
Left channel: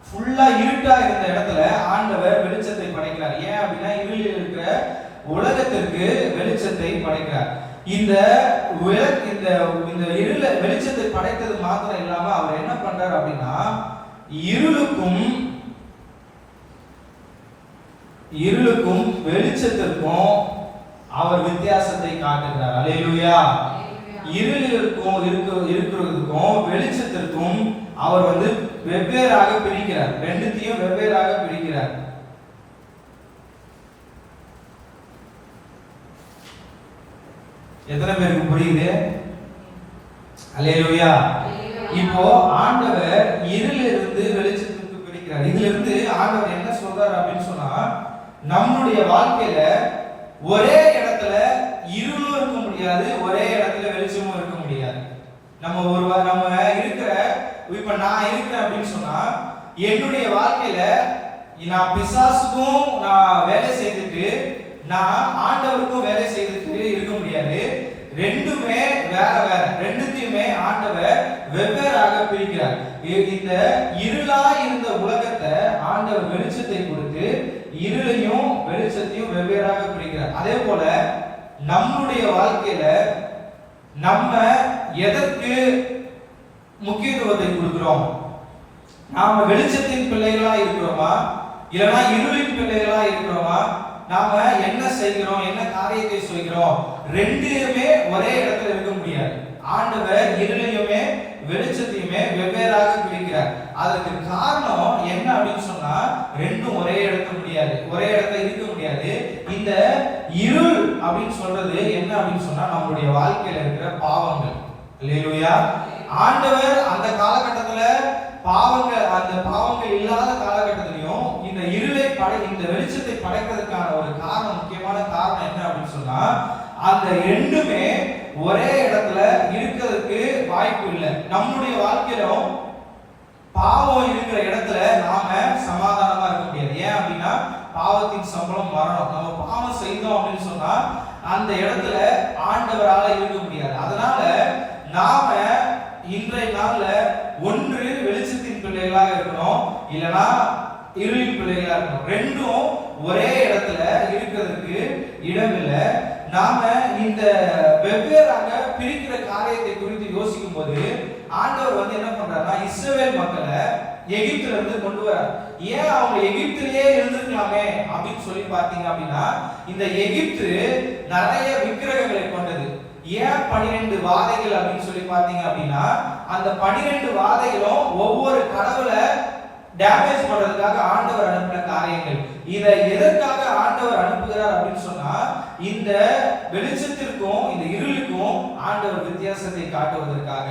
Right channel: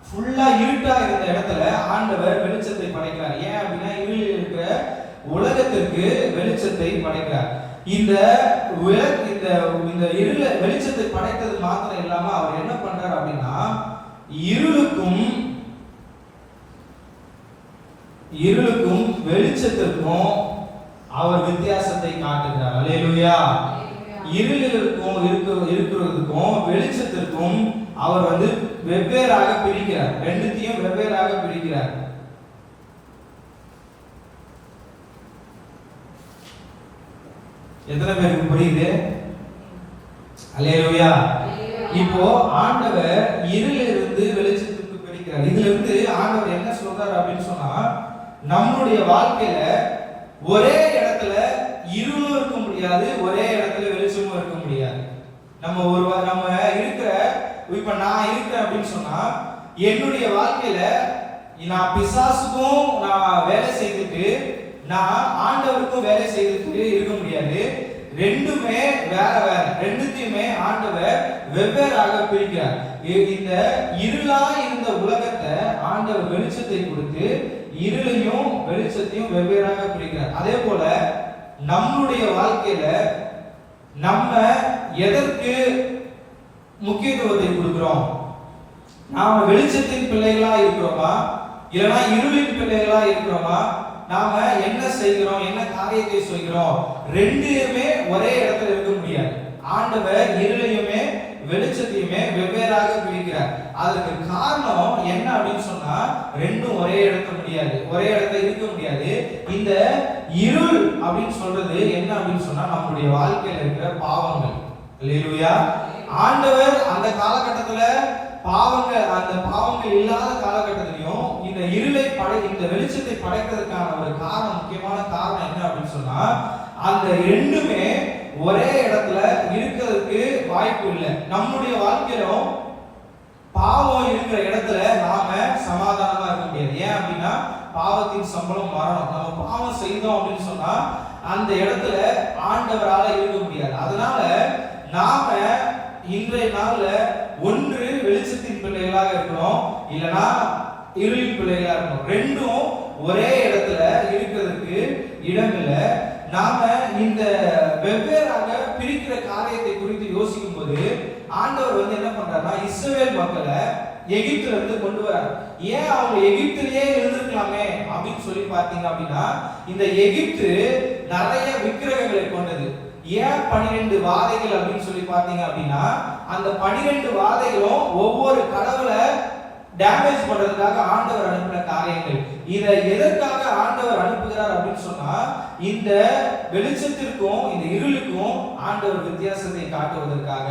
ஃபுல்லா இருட்டா இருந்த இடத்துல ஆண்டவர் வெளிச்சத்தை படைக்கிறார். ஏன் அப்படின்னா இருளில் இருக்கிற உலகத்திற்கு வெளிச்சத்தை படைக்கிறார். இந்த இந்த வெளிச்சத்தை படைத்தது மாத்திரம் இல்லாம அவர் என்ன பண்றார் அப்படின்னா, இருளுக்கும் வெளிச்சத்திற்கும் அவர் வித்தியாசத்தை காட்டுகிறார். அல்லேலூயா. இருக்கிறதுக்கும் வெளிச்சத்திற்கும் அவர் வெவ்வேறாக பிரிக்கிறார். ரெண்டுத்தையும் வெவ்வேறாக பிரிக்கிறார். எத்தனை பேருக்கு புரியுது? அல்லேலூயா. இப்போ ஆண்டவர் இருளிலிருந்து வெளிச்சத்துக்கு பிரிக்கிறார். இதுல இருந்து ஆண்டவர் என்ன சொல்றாரு அப்படின்னு சொன்னா, நம்முடைய வாழ்க்கையில ஒரே இடத்துல இருளும் இருக்க முடியாது, ஒரே இடத்துல வெளிச்சமும் இருக்க முடியாது. நம்ம இருக்கிற இப்ப நான் இருக்கிறேன் அப்படின்னு சொன்னா, என்னுடைய வாழ்க்கையில நான் பிசாசுக்கும் நான் வேலை செய்துட்டு நான் ஆண்டவருக்கும் வேலை செய்துட்டு இருக்க முடியாது. ரெண்டுமே வேற வேற. ரெண்டுத்தையுமே ஆண்டவர் வெவ்வேறாக பிரிக்கிறார். இந்த இருளா இருந்த உலகத்தை ஆண்டவர் வெளிச்சத்தை கொடுத்து இருளையும் வெளிச்சத்தையும் வெவ்வேறாக பிரிக்கிறார். அதே போல நம்முடைய வாழ்க்கையில நம்ம எதற்கு முக்கியத்துவத்தை கொடுக்கிறோம்? நாம வெளிச்சத்தின் பிள்ளைகளா இருக்கிறோமா, இல்லைன்னா இருளின் பிள்ளைகளா இருக்கிறோமா? நாம என்ன செய்கிறோம், என்ன காரியத்தை செய்கிறோம்? ரெண்டுமே ஒரே இடத்துல இருக்க முடியாது. ஆண்டவர் இருளையுமே வெளிச்சத்தையுமே வெவ்வேறாக பிரிக்கிறார். அதற்கு காரணம் என்ன அப்படின்னு சொன்னா, ரெண்டும் ஒரே இடத்துல முடியாது, ஒரே இடத்துல இருக்க முடியாது. இந்த இருள் அப்படின்னு சொல்றது என்ன அப்படின்னு சொன்னா, நம்மளுடைய வாழ்க்கையில இருக்கிற பாவங்கள். அல்லேலூயா. ஆண்டவர் அந்த காலகட்டத்துல அந்த பாவங்கள் இல்லாத காலகட்டத்திலையும் இந்த இந்த வெளிச்சத்தை படைக்கிறதுக்கான ஒரு காரணம், முக்கியமான காரணம் என்ன அப்படின்னு சொன்னா, அந்த ரெண்டுமே ஒரே இடத்துல இருக்கிறதுக்கு வாய்ப்பு இல்லை. நம்முடைய வாழ்க்கையிலும் பாவம் இருக்கிற இடத்துல நாம சமாதானமா இருக்க முடியாது. ஏன் அப்படின்னா, பாவத்தின் சம்பளம் மரணம். நம்ம பாவம் செய்தோம் அப்படின்னு சொன்னா அந்த இடத்துல ஆண்டவரால இருக்க முடியாது. அதனால நாம இன்றைய நாள்ல ஒன்று வெளிச்சத்தின் பிள்ளைகளாக இருக்கணும், இல்லனா இருளின் பிள்ளைகளாக இருக்கணும். ரெண்டும் ஒரே இடத்துல இருக்கிறதுக்கு இடம் இல்லை. நாம இந்த வெவ்வேறாக பிரிக்கிற காரியத்தை குறித்து யோசிக்கும் போது ஆண்டவர் என்ன பண்றாருன்னா, இஸ்ரவேல் மக்களை எகிப்துல இருந்து கொண்டு வரார். ஏன் அவங்க எகிப்திலேயே இருந்திருக்கலாமே அப்படின்னு சொல்லி பார்த்தீங்க அப்படின்னா, இந்த எகிப்து நிறைய விக்கிரகங்களை கொண்டது. ஏன் 12 வாதைகள் அப்படின்னு சொல்லி பார்த்தீங்க அப்படின்னா, அந்த 12 வாதைகளும் ஒவ்வொரு கடவுளை டேமேஜ் பண்றதுக்காக ஆண்டவர் அனுப்பின காரியங்கள். இதை எதற்காக ஆண்டவர் அனுப்புகிறார் அப்படின்னு சொன்னா, இந்த வெளிச்சத்திற்கும் இந்த இருளுக்கும் ஆண்டவர் வித்தியாசத்தை காட்டுவதற்காக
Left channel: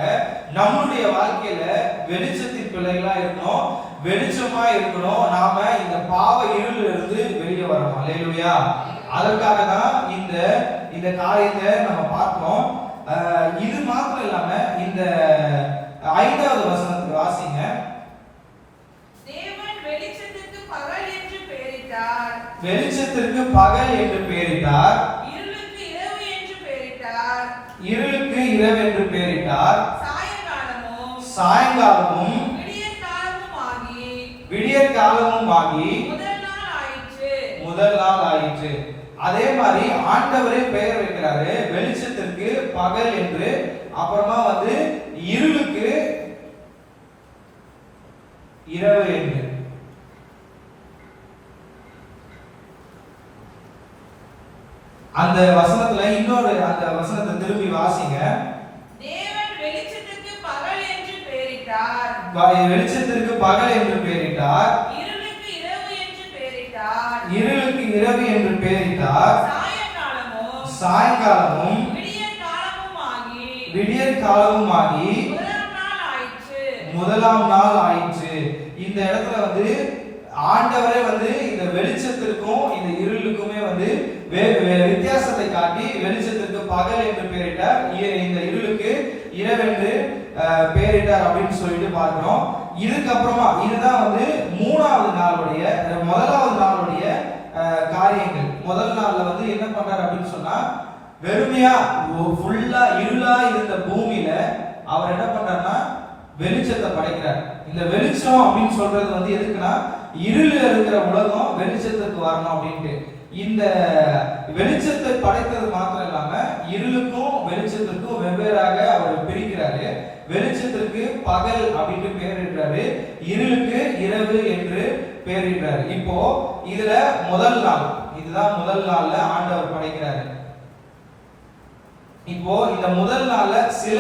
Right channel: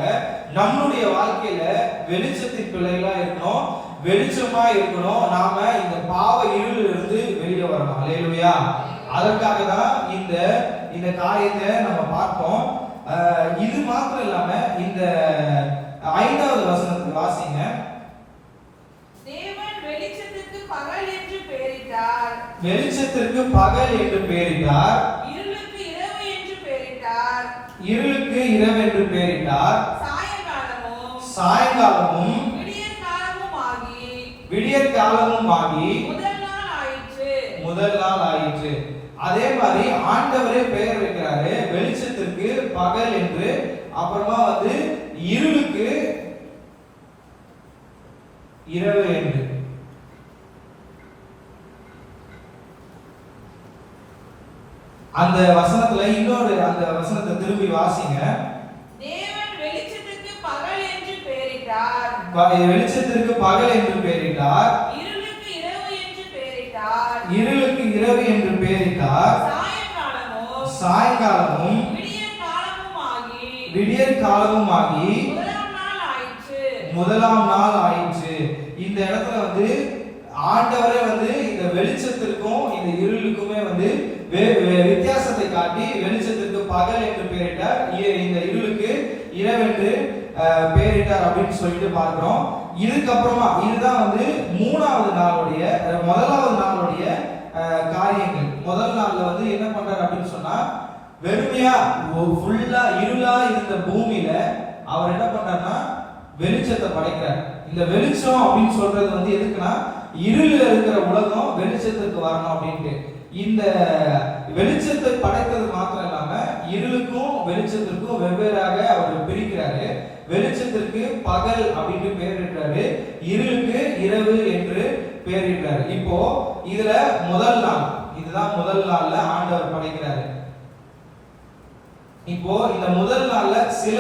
நம்மளுடைய வாழ்க்கையில வெளிச்சத்தின் பிள்ளைகளா இருக்கணும், வெளிச்சமா இருக்கணும். நாம இந்த பாவ இருளில் இருந்து வெளியே வரணும். அல்லேலூயா. அதற்காக தான் இந்த காரியத்தை நம்ம பார்ப்போம். இது மாத்திரம் இல்லாம இந்த 5வது வசனத்தை வாசிங்க. தேவன் வெளிச்சத்திற்கு பகல் என்று பெயரிட்டார். வெளிச்சத்திற்கு பகல் என்று பெயரிட்டார். இருளுக்கு இரவு என்று பெயரிட்டார். இருளுக்கு இரவு என்று பெயரிட்டார். சாயங்காலமும் விடியற் காலமும் ஆகி முதல் நாள் ஆயிற்று. அதே மாதிரி ஆண்டவரே பெயர் வைக்கிறாரு. வெளிச்சத்திற்கு பகல் என்று, அப்புறமா இருளுக்கு இரவு என்று. அந்த வசனத்துல இன்னொரு அந்த வசனத்தை திரும்பி வாசிங்க. தேவன் வெளிச்சத்திற்கு பகல் என்று பெயரிட்டார். வெளிச்சத்திற்கு பகல் என்று பெயரிட்டார். இருளுக்கு இரவு என்று பெயரிட்டார். இருளுக்கு இரவு என்று பெயரிட்டார். சாயங்காலமும் விடியற் காலமும் ஆகி முதலாம் நாள் ஆயிற்று. இந்த இடத்துல ஆண்டவரே இந்த வெளிச்சத்திற்கும் இந்த இருளுக்குமே வித்தியாசத்தை காட்டி வெளிச்சத்திற்கு பகல் என்று பெயரிட்டார், இந்த இருளுக்கு இரவென்று பெயரிட்டார் அப்படின்னு சொல்லிட்டு பார்க்கிறோம். இதுக்கப்புறமா இதுதான் 3வது நாளுடைய முதலாவது நாளுடைய காரியங்கள். முதல் நாள்ல என்ன பண்றாரு அப்படின்னு சொன்னா, வெறுமையா ஃபுல்லா இருளா இருந்த பூமியில அவர் என்ன பண்றாருன்னா வெளிச்சத்தை படைக்கிறார். இந்த வெளிச்சம் அப்படின்னு சொல்றது எதுக்குன்னா, இருளில் இருக்கிற உலகம் வெளிச்சத்துக்கு வரணும் அப்படின்ட்டு. இந்த வெளிச்சத்தை படைத்தது மாத்திரம் இல்லாம இருளுக்கும் வெளிச்சத்திற்கும் வெவ்வேறாக அவர் பிரிக்கிறாரு. வெளிச்சத்திற்கு பகல் அப்படின்னு பேரிடுறாரு, இருளுக்கு இரவு என்று பேரிடுறாரு. இப்போ இதுல முதல் நாள், இதுதான் முதல் நாள்ல ஆண்டவர் படைக்கிறாரு. இப்போ இந்த முதல் நாள்ல சில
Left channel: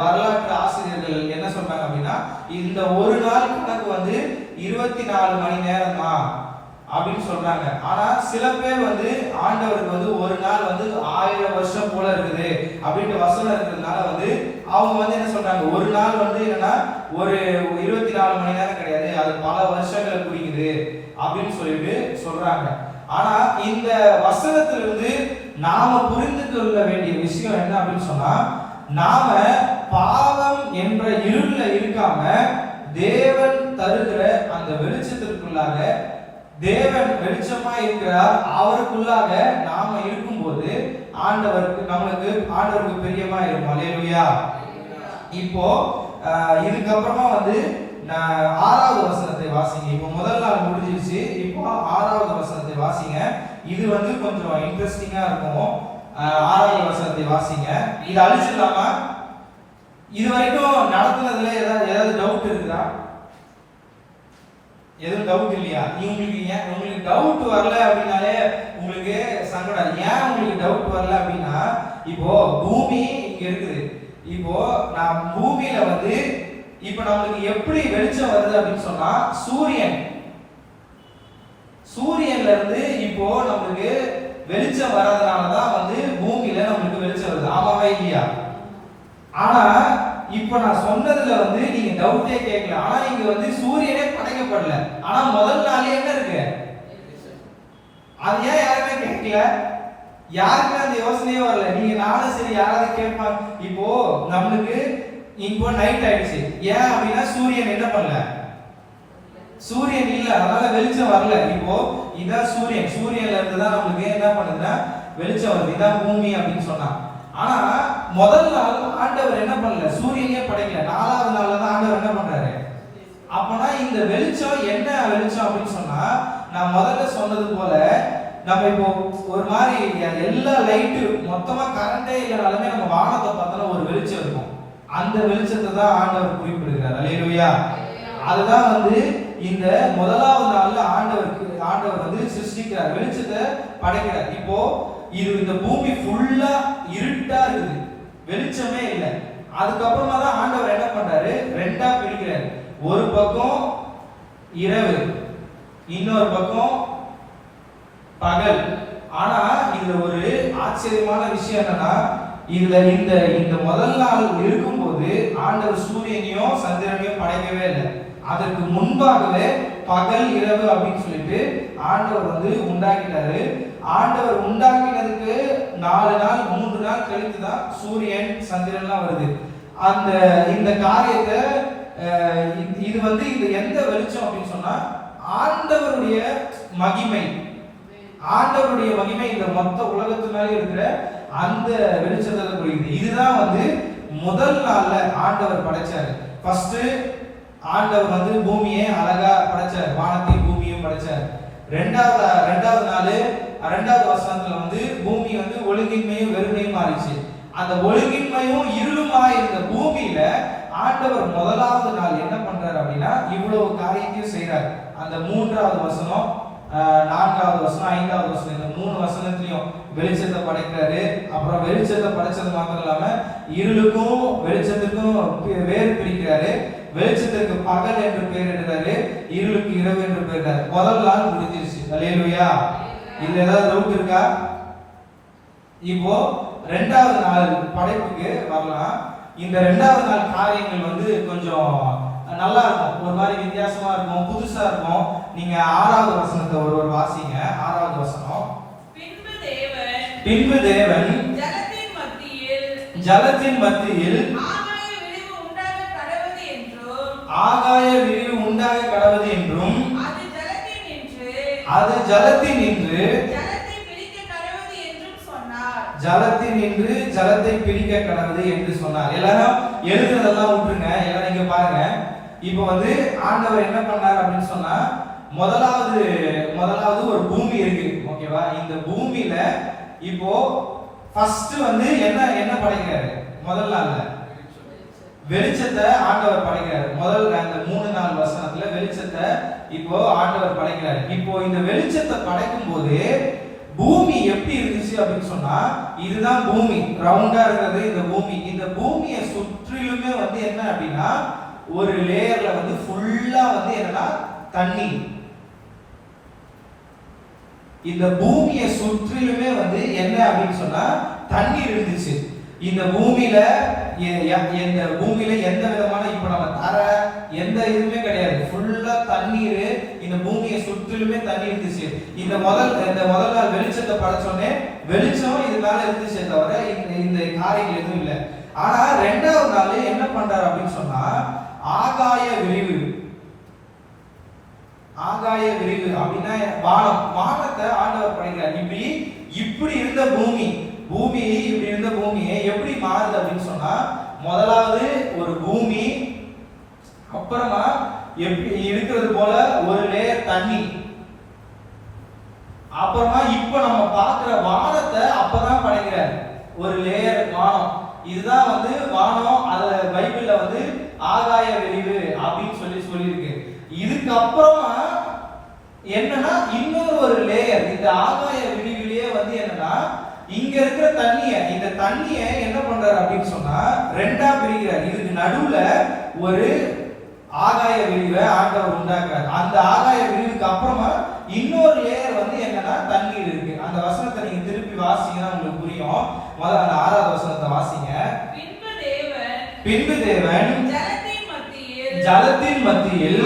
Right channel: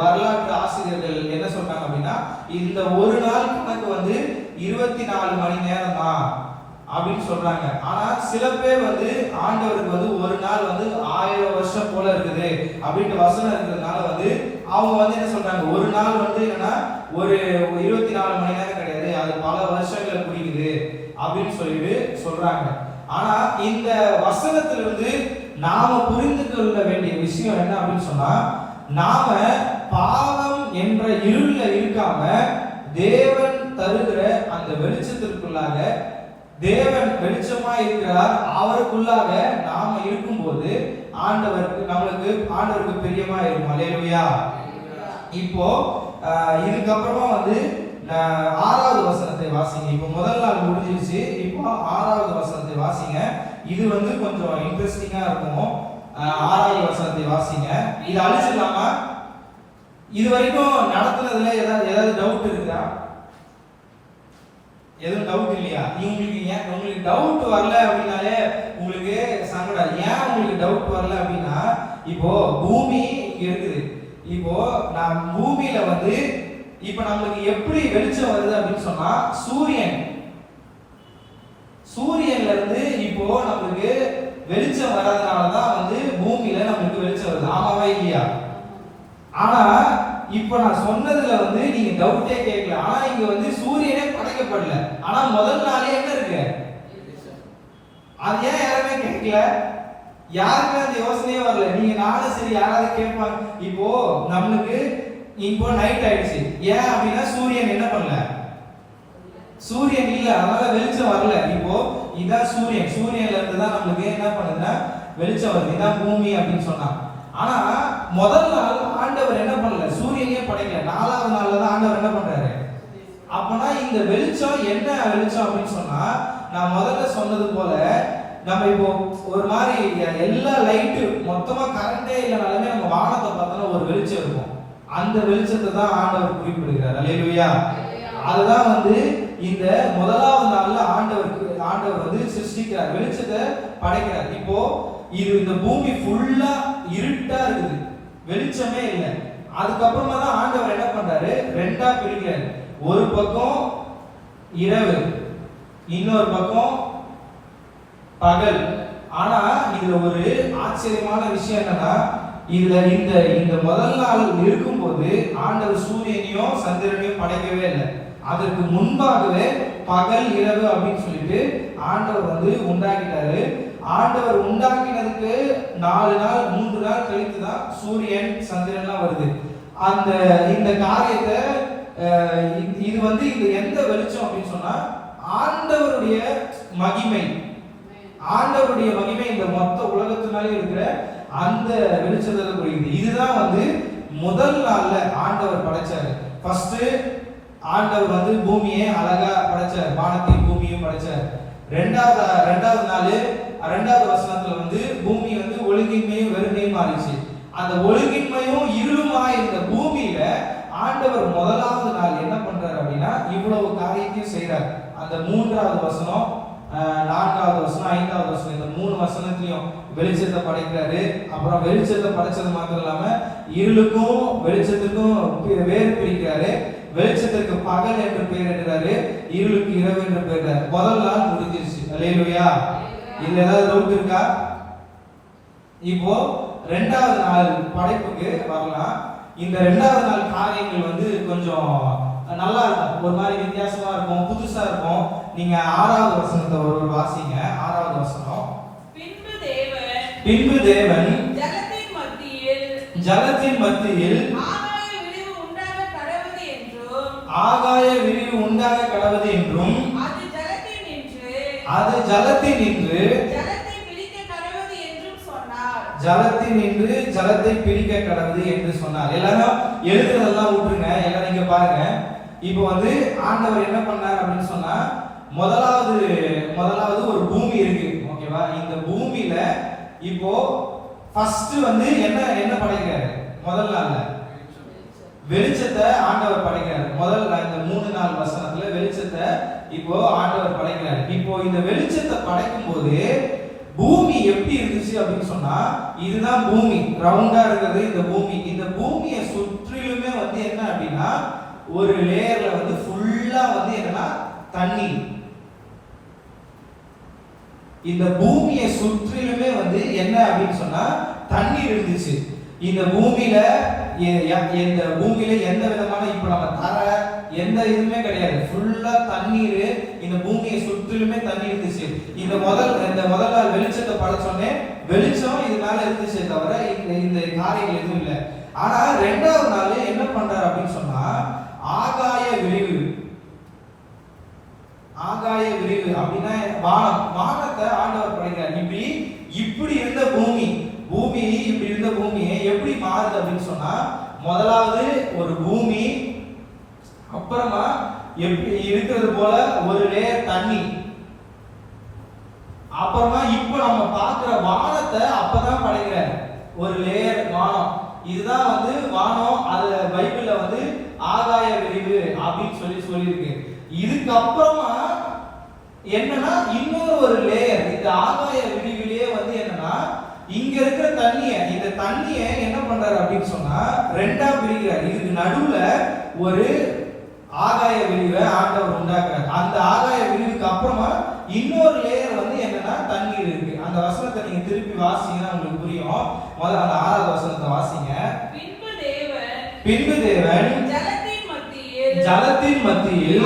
வரலாற்று ஆசிரியர்கள் என்ன சொல்றாங்க அப்படின்னா, இந்த ஒரு நாள் கணக்கு வந்து 24 மணி நேரம் தான் அப்படின்னு சொல்றாங்க. ஆனா சில பேர் வந்து ஆண்டவருக்கு வந்து ஒரு நாள் வந்து 1000 வருஷம் போல இருக்குது அப்படின்ட்டு வசனம் இருக்கிறதுனால வந்து அவங்க வந்து என்ன சொல்றாங்க, ஒரு நாள் வந்து என்னன்னா ஒரு 24 மணி நேரம் கிடையாது, அது பல வருஷங்களை குறிக்குது அப்படின்னு சொல்லிட்டு சொல்றாங்க. ஆனா இந்த வசனத்திலிருந்து நாம புரிந்து கொள்ள வேண்டிய விஷயம் என்ன அப்படின்னு சொன்னா, நாம பாவம் என்ற இருள்ல இருக்காம தேவன் தருகிற அந்த வெளிச்சத்திற்குள்ளாக, தேவன் வெளிச்சமா இருக்கிறார், அவருக்குள்ளாக நாம இருக்கும்போது ஆண்டவருக்கு பிரியமா இருக்கும். அல்லேலூயா. இப்போ இதுக்கப்புறமா வந்து 6வது வசனத்தை வாசிங்க. இப்போ முதல் நாள் முடிஞ்சிருச்சு, இப்போ 6வது வசனத்தை வாசிங்க. இது வந்து கொஞ்சம் இன்ட்ரெஸ்டிங்கா இருக்கும். 6வது வசனத்தை வாசிங்க. இது அழிச்சிடலாமா? இது வரைக்கும் நடத்துனதுல ஏதாவது டவுட் இருக்குதா? எதுவும் டவுட் இல்லையா? உங்களுக்கு டவுட் வரல அப்படின்னாலே உங்களுக்கு சங்கடம். ஏன் உங்களுக்கு டவுட் வரல அப்படின்னா, இப்போ பூமி இங்க இருக்குது. இப்போ நான் பூமியில வந்து இப்ப நம்மளுக்கு எப்படி வெளிச்சம் வருது அப்படின்னு சொன்னா, சூரியன்ல இருந்து இப்போ நம்மளுக்கு வெளிச்சம் வர்றதுனாலதான் வந்து பூமியில நம்மளுக்கு வெளிச்சம் வருது. ஆமாவா இல்லையா? ஆனா இப்ப நான் சொன்னதுல வந்து நீங்க டவுட்டே கேட்கல. ஆனா இங்க வந்து சூரியனே படைக்கப்படல, ஆனா முதல் நாளே என்ன இருக்கு? அது ஏன் யாருமே கேட்கல? யாருக்குமே அந்த யோசனையே வரல. நீங்க நானும் சரி யாராவது கேட்பாங்க. இப்போ நம்மளுக்கு இப்போ நைட் ஆயிடுச்சு. ஏன் அப்படின்னா சூரியன் என்ன பண்ணல? சூரியன் இல்ல, அதனால வெளிச்சம் வரல. இப்போ இதான் சூரியன்ல இருந்து தான் நமக்கு என்ன பண்ணுதுன்னா வெளிச்சம் வருது. இதான் பூமி அப்படின்னு சொன்னா. ஆனா முதல் நாள் ஆண்டவர் என்ன பண்ணல? சூரியனே படைக்கல. 4வது நாள்ல தான் ஆண்டவர் என்ன பண்றாரு? அப்பனா இந்த வெளிச்சம் என்ன வெளிச்சம் அப்படின்னு சொன்னா, நான் முதல்ல சொன்னது போல நம்ம இப்போ ஒரு மாதிரி எல்லா லைட்டு மொத்தமா கரண்டே இல்லைனாலுமே நம்ம வானத்தை பார்த்தோம்னா ஒரு வெளிச்சம் இருக்கும். அந்த வெளிச்சத்தை தான் ஆண்டவர் குறிப்பிடுகிறார். அல்லேலூயா. அதுதான் வந்து இந்த முதலாவது நாள்ல ஆண்டவர் வந்து சிருஷ்டிக்கிறார், வெளிச்சத்தை படைக்கிறார். இப்போ இந்த பூமி ஃபுல்லா இருட்டா இருக்குது, வெளிச்சமே இல்லை. அதுக்கப்புறமா தான் ஆண்டவர் என்ன பண்றாரு? ரெண்டா பிரிக்கிறார். ஒரு பக்கம் இரவு, இன்னொரு பக்கம் பகல். ஆனா இதுல ஒரு ஆச்சரியமான விஷயம் என்னன்னா, இதுல இந்த முதல் நாள் இருக்கும்போது ஆண்டவர் சூரியனையும் சந்திரனையும் படைக்கவே இல்லை. அதற்கு முன்பாகவே பகல் இரவு அப்படின்னு சொல்லிட்டு ஆண்டவர் வந்து உண்டாக்கிட்டாரு. ஆண்டவர் உண்டாக்கினதுக்கு 4 நாள் 3 நாள் கழித்து தான் சூரியன் சந்திரன்லாம் வருது. இந்த காரியத்தை இது வந்து இந்த எந்த வெளிச்சம் அப்படின்னு சொன்னா, ஆண்டவருடைய மகிமை இந்த மொத்த உலகத்தினாலே இருக்கிற அந்த வெளிச்சத்தை குறிக்குது. இதுதான் வந்து முதல் நாள்ல ஆண்டவர் படைச்சாரு. ஃபர்ஸ்ட் ஆண்டவர் வந்து பூமியை அழகா படைச்சார், வானத்தையும் பூமியையும் படைச்சார். ரெண்டாவது நாள் 2வது வசனத்துல வந்து பூமி வந்து ஒழுங்கின்மையும் வெறுமையும் மாறிச்சு. அந்த ஒழுங்கின்மையும் இருளுமா இருந்த பூமியில ஆண்டவர் முதலாவது நாள் என்ன பண்றாரு அப்படின்னா இவ்வளவு காரியத்தையும் செய்யறார். அந்த 3வது வசனம், 4வது வசனம், 5வது வசனம், இந்த 3 வசனத்திலையும் வெளிச்சத்தை படைக்கிறாரு. அப்புறம் வெளிச்சத்தை படைச்சது மாத்திரம் இல்லாம இருளுக்கும் வெளிச்சத்துக்கும் வேறு பிரிக்கிறாரு. வெளிச்சத்துக்கு பகல் என்று பெயரிடுறாரு, இருளுக்கு இரவு என்று பெயரிடுறாரு. முதல் நாள் முடிஞ்சிருச்சு. அல்லேலூயா. இதுல ஏதாவது டவுட் இருக்கா? இப்போ 2வது நாள் படைப்புக்கு வரலாம். இந்த 2வது நாள் காரியங்கள் வந்து கொஞ்சம் நல்லா இருக்கும், ஒரு மாதிரி வித்தியாசமா இருக்கும், புதுசா இருக்கும். நீங்க 6வது வசனத்தை ஒரு வாசிங்க. 6வது வசனம். பின்பு தேவன் ஜலத்தின் மத்தியில் ஆகாய விரிவு உண்டாக கடவது என்றும் அது ஜலத்தின் நின்று ஜலத்தை பிரிக்க கடவுது என்று சொன்னார். எல்லாரும் எழுதுறதெல்லாம் விட்டுருங்க, எல்லாரும் இங்க பாருங்க. இப்போ வந்து ஆண்டவர் என்ன பண்ணார் அப்படின்னு சொன்னா, முதலாவது ஒரு பூமி இருக்கு, ஓகேவா? ஓகேவா? இந்த பூமியில இப்போ ஃபர்ஸ்ட் வந்து என்ன படைக்கிறாரு? முதல் நாள்ல வெளிச்சத்தை ஆண்டவர் படைக்கிறாரு. முதல் அந்த 3 நாள் வசனத்துல வெளிச்சத்தை இப்போ ஆண்டவர் படைக்கிறாரு. இப்போ இந்த வெளிச்சத்தை படைக்கும் போது பூமி எப்படி இருந்துச்சு அப்படின்னு சொன்னா, இதுதான் பூமி, ரவுண்டா இருக்கிறது இந்த பூமி. இந்த பூமியை சுற்றிலுமே வந்து என்ன அப்படின்னா ஒரு லேயர்ல வந்து ஃபுல்லா வந்து என்னன்னா தண்ணி. இந்த பூமியை சுற்றிலுமே வந்து என்ன அப்படின்னு சொன்னா தண்ணீர் இருந்துச்சு. இந்த பூமியில எந்த விதமான இப்ப நம்ம தர எந்த இதுவுமே கிடையாது, ஃபுல்லா தண்ணீர். இந்த பூமியை சுற்றிலுமே தண்ணி இருந்துச்சு. இந்த முதல் நாள் வெளிச்சத்தை படைச்சோன்னே வெளிச்சம் இது மேல இருந்துச்சே தவிர இந்த காரியங்கள் எதுவும் இல்லை. ஆனா 2வது நாள் என்ன பண்றாரு அப்படின்னு சொன்னா ஆகாய விரிவு. ஆகாய விரிவு அப்படின்னா வானத்தை ஆண்டவர் படைக்கிறார். இப்படி இருந்த பூமி இப்படி இருந்த பூமியை எப்படி மாறுது அப்படின்னு சொன்னா, முதலாவது ஒரு பூமி, அப்புறமா எப்படி இருக்கிறது போல ஒரு லேயர் தண்ணி, அப்புறமா இப்ப நம்ம பார்க்கிற வானத்தை அப்பதான் படைக்கிறார், ஒரு லேயர் வானம். இதுதான் வந்து வானம். அது பைபிள்ல வந்து ஆகாய விரிவு அப்படின்னு சொல்லியிருக்கு. இதுக்கு அப்புறமா என்னன்னா இன்னொரு ஒரு லேயர், இந்த ஆகாய விரிவிலேயே வந்து என்னன்னா இங்க இருக்கிற இந்த தண்ணிய என்ன பண்றாரு அப்படின்னு சொன்னா 2ஆ பிரிக்கிறார். இதுக்கு நடுவுல ஒரு ஆகாய விரிவை ஆண்டவர் உண்டாக்குறார். அந்த ஆகாய விரிவுக்கு அப்புறமா இன்னொரு லேயர் வந்து என்னன்னா தண்ணீர் இருக்கு. அந்த வசனத்தை நீங்க திருப்பி வாசிங்கன்னா உங்களுக்கு புரியும். முதல்ல அந்த 6வது வசனத்தை வாசிங்க. பின்பு தேவன் ஜலத்தின் மத்தியில்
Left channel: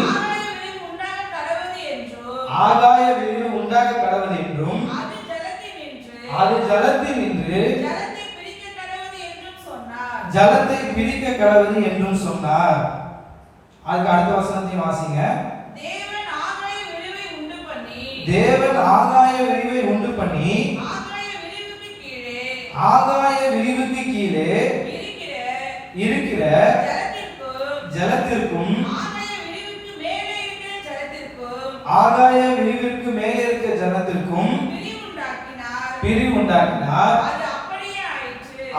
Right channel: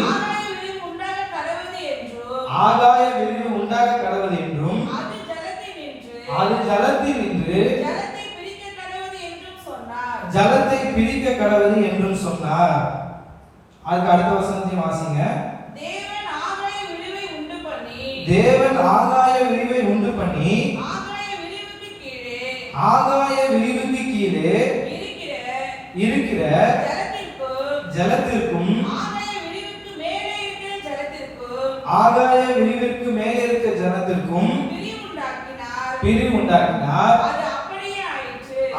ஆகாய விரிவு உண்டாக கடவுது என்றும் அது ஜலத்தில் நின்று ஜலத்தை பிரிக்க கடவுது என்றும் சொன்னார். அதுக்கு அடுத்த வசனத்தையும் வாசிங்க. தேவன் ஆகாய விரிவை உண்டு பண்ணி ஆகாய விரிவுக்கு கீழே இருக்கிற ஜலத்திற்கும் ஆகாய விரிவிற்கு மேலே இருக்கிற ஜலத்திற்கும் பிரிவு உண்டாக்கினார்.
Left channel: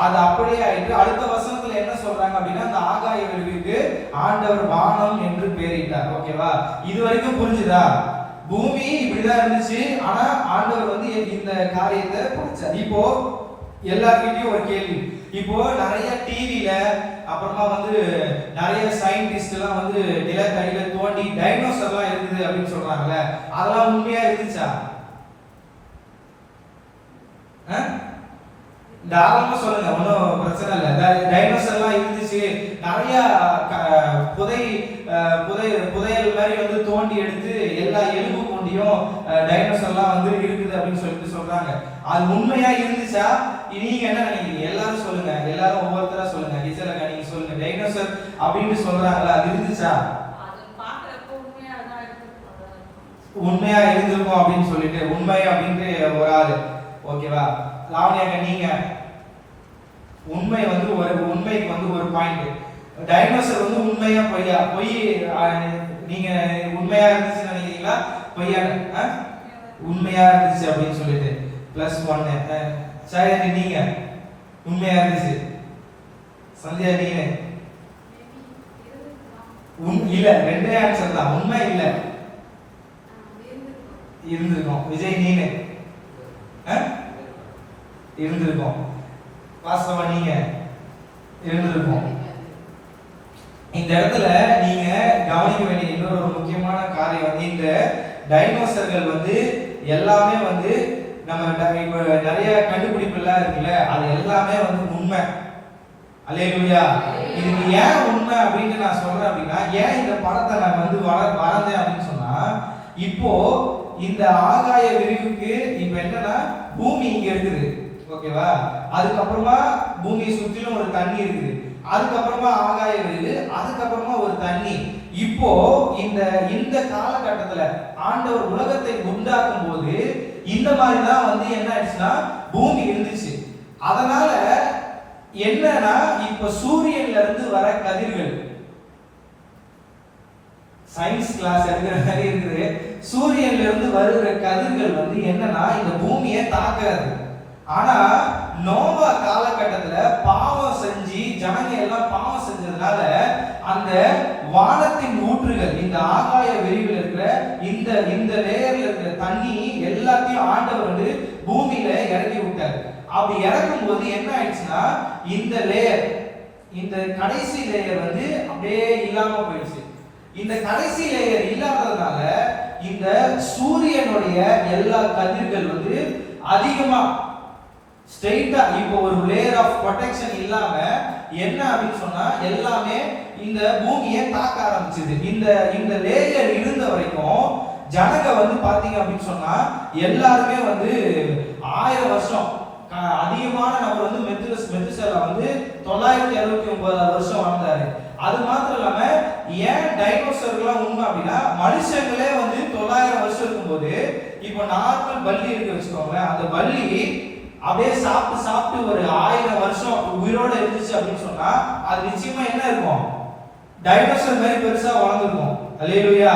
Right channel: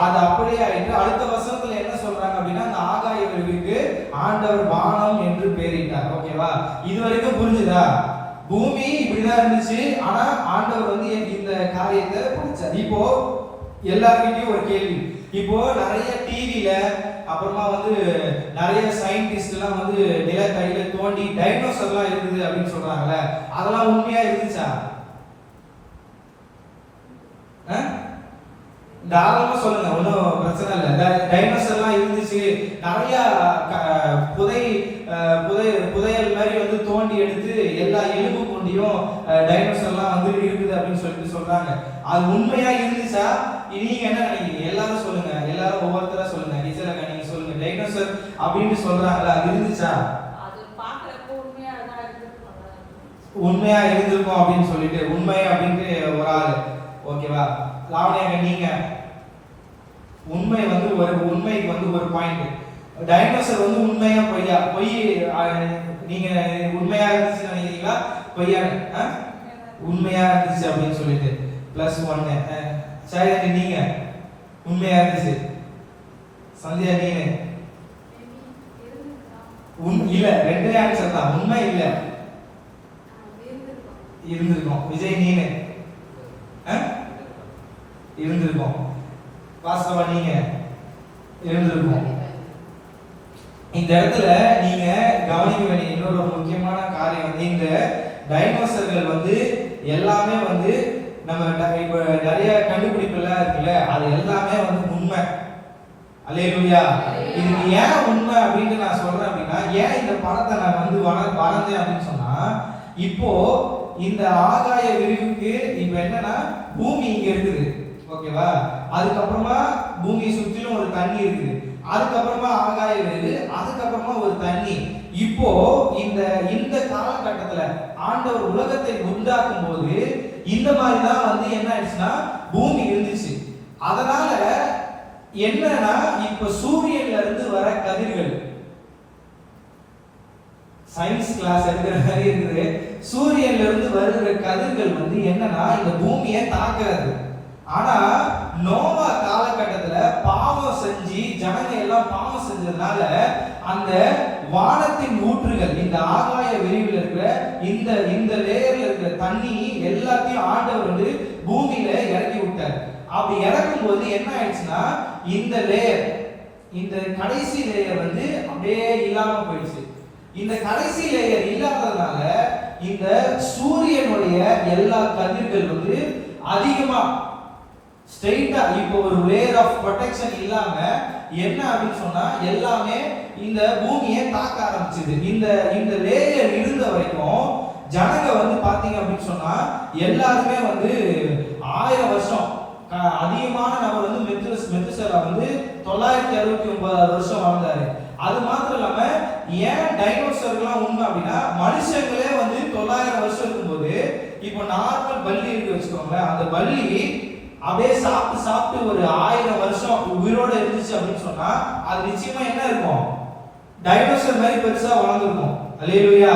அது அப்படியே ஆயிற்று. அடுத்த வசனத்துல என்ன சொல்றாங்க அப்படின்னா, அந்த ஆகாய விரிவுக்கு ஆண்டவர் வானம் என்று பெயரிட்டார். ஓகேவா? இது வரைக்கும் புரிஞ்சுதா? பூமி இப்படிதான் இருந்துச்சு, ஆனா ஆண்டவர் வந்து இந்த காரியத்தை படைச்சார். இப்போ எல்லார்கிட்டயும் ஒரு கேள்வி. இப்போ நிறைய டிவில அப்புறமா வந்து நிறைய சயின்டிஸ்ட் எல்லாம் வந்து நிலக்கரியில தோண்டி டைனோசர்லாம் இருக்குது அப்படின்னு சொல்றாங்கல்ல, அதெல்லாம் உண்மையா இருந்துச்சா? தாராளமா சொல்லுங்க, ஒன்றும் பிரச்சனை இல்லை. டைனோசர்லாம் இருந்துச்சு, நிறைய புதையல் மாதிரி வந்து தோண்டி எடுத்து எல்லா எலும்பு கொண்டியும் டைனோசர்லாம் வந்து இருக்குது அப்படின்னு சொல்லிட்டு சொல்றாங்க. அது உண்மையா இருந்துச்சா? நீங்க என்ன நினைக்கிறீங்க? எல்லாரும் சொல்லுங்க, எல்லாரும் ஒவ்வொருத்தரா சொல்லுங்க. கிச்சலக்கா நீங்க சொல்லுங்க, டைனோசர் அப்படின்னு சொல்றாங்கல்ல, அது இருந்துச்சா? உண்மையா இருந்திருக்கும் அப்படின்னு சொல்லிட்டு உண்மை அப்படின்ட்டு ஒரு ஆளு. ஓகேவா? லாவணியாங்க நீங்க உண்மை வந்து உண்மைக்கு வந்து ஒரு பாயிண்ட். டைனோசர் வந்து உண்மையா பொய்யா? நீங்க உண்மையா இருந்துச்சு நினைக்கிறீங்களா பொய்யா? உண்மையா இருந்துச்சு அப்படின்னு சொல்லிட்டு +1. சரி, நீங்க உண்மையா இருந்துச்சு. சந்தியா நீங்க இல்ல, 2 ஆன்சர் தான். உண்மை இல்ல, இருந்திருக்கும். விஜய் நீங்க இருந்திருக்கும். வாஸ்தவா நீங்க இருந்திருக்கும். இந்த இடத்துல நீங்க கவனிக்க வேண்டிய இன்னொரு முக்கியமான காரியம் வந்து, இந்த டைனோசர்கள் வந்து எல்லாமே வந்து நம்ம இப்ப நிறைய கண்டுபிடிப்பு எல்லாம் இருக்குல்ல, அது எல்லாமே வந்து உண்மை. அல்லேலூயா. இதுக்கு ஏன் உண்மை அப்படின்னு நான் சொல்றேன் அப்படின்னா, ஏன் இந்த படத்தை நான் வந்து வரைஞ்சேன் அப்படின்னு சொன்னா, இப்போ இந்த ஆகாய விரிவுக்கு இப்ப என்னன்னா பூமி இங்க இருக்குது. ஓகேவா? அதுக்கப்புறமா பூமியை சுற்றிலும் ஒரு தண்ணி இருக்குது. அதுக்கப்புறமா ஆகாய விரிவு, அதுக்கப்புறமா ஒரு தண்ணி. இப்போ இந்த காலகட்டத்துல ஆண்டவர் உலகத்தை உண்டாக்கும் போது இந்த மாதிரி தான் வந்து என்ன ஆயிடுச்சுன்னா பூமி இருந்துச்சு. அதனால என்னன்னா இப்ப சூரியன்ல இருந்து வர கதிர்கள், சயின்ஸ் கிளாஸ் எடுக்கிற மாதிரி இருக்குது, சூரியன்ல இருந்து வருகிற கதிர்கள் வந்து என்னன்னா இந்த பூமியை தாக்குறது. ஆனா நோவா காலகட்டத்துல பாவம் செஞ்சு ஜனங்க எல்லாம் பாவம் செஞ்சதுனால அந்த வானத்தின் ஊற்றுகள், இந்த ஆகாய வெளியில் இருக்கிற இந்த இந்த லேயர்ல இருக்கிற தண்ணி எல்லாத்தையும் ஆண்டவர் வந்து பூமியில இறக்கி விட்டார். அப்படி இறக்கும் போது என்ன ஆயிடுச்சுன்னா இந்த லேயர், இந்த கடைசி லேயர் வந்து அப்படியே இல்லாம போயிடுச்சு. இந்த கடைசி லேயர் இல்லாததுனால இந்த சூரியனுடைய எல்லா கதிர்கள் வந்து அதிகமா ஸ்ட்ரெயிட்டா இப்போ ஒரு லேயர் ஆஃப் ப்ரொடெக்ஷன் இல்லாம என்ன அப்படின்னு சொன்னா எல்லாமே இந்த பூமியை தாக்க ஆரம்பிச்சது. இந்த இந்த லேயர் இருந்த வரைக்கும் ஜனங்க வந்து பாத்தீங்க அப்படின்னு சொன்னா எல்லாருமே வந்து 1000 வருஷம் அதிகமான நபர் வந்து மெத்துசேலா வந்து 969 வருஷம் வாழ்ந்தாரு. அது மாத்திரம் இல்லாம ஏன் டைனோசர்கள்லாம் உண்மை அப்படின்னா மனுஷங்களே வந்து 900 வருஷம் இருக்கும்போது இப்போ நார்மல் பல்லி இருக்கு வச்சுக்கோங்க, அந்த பல்லி அப்படியே சாப்பிட்டு சாப்பிட்டு ஒரு 1000 வருஷம் உயிரோட இருந்துச்சு அப்படின்னு சொன்னா அது நிச்சயமா என்ன இருக்கும், டைனோசர் மாதிரி பெருசா வளர்ந்துருக்கும். அல்லேலூயா.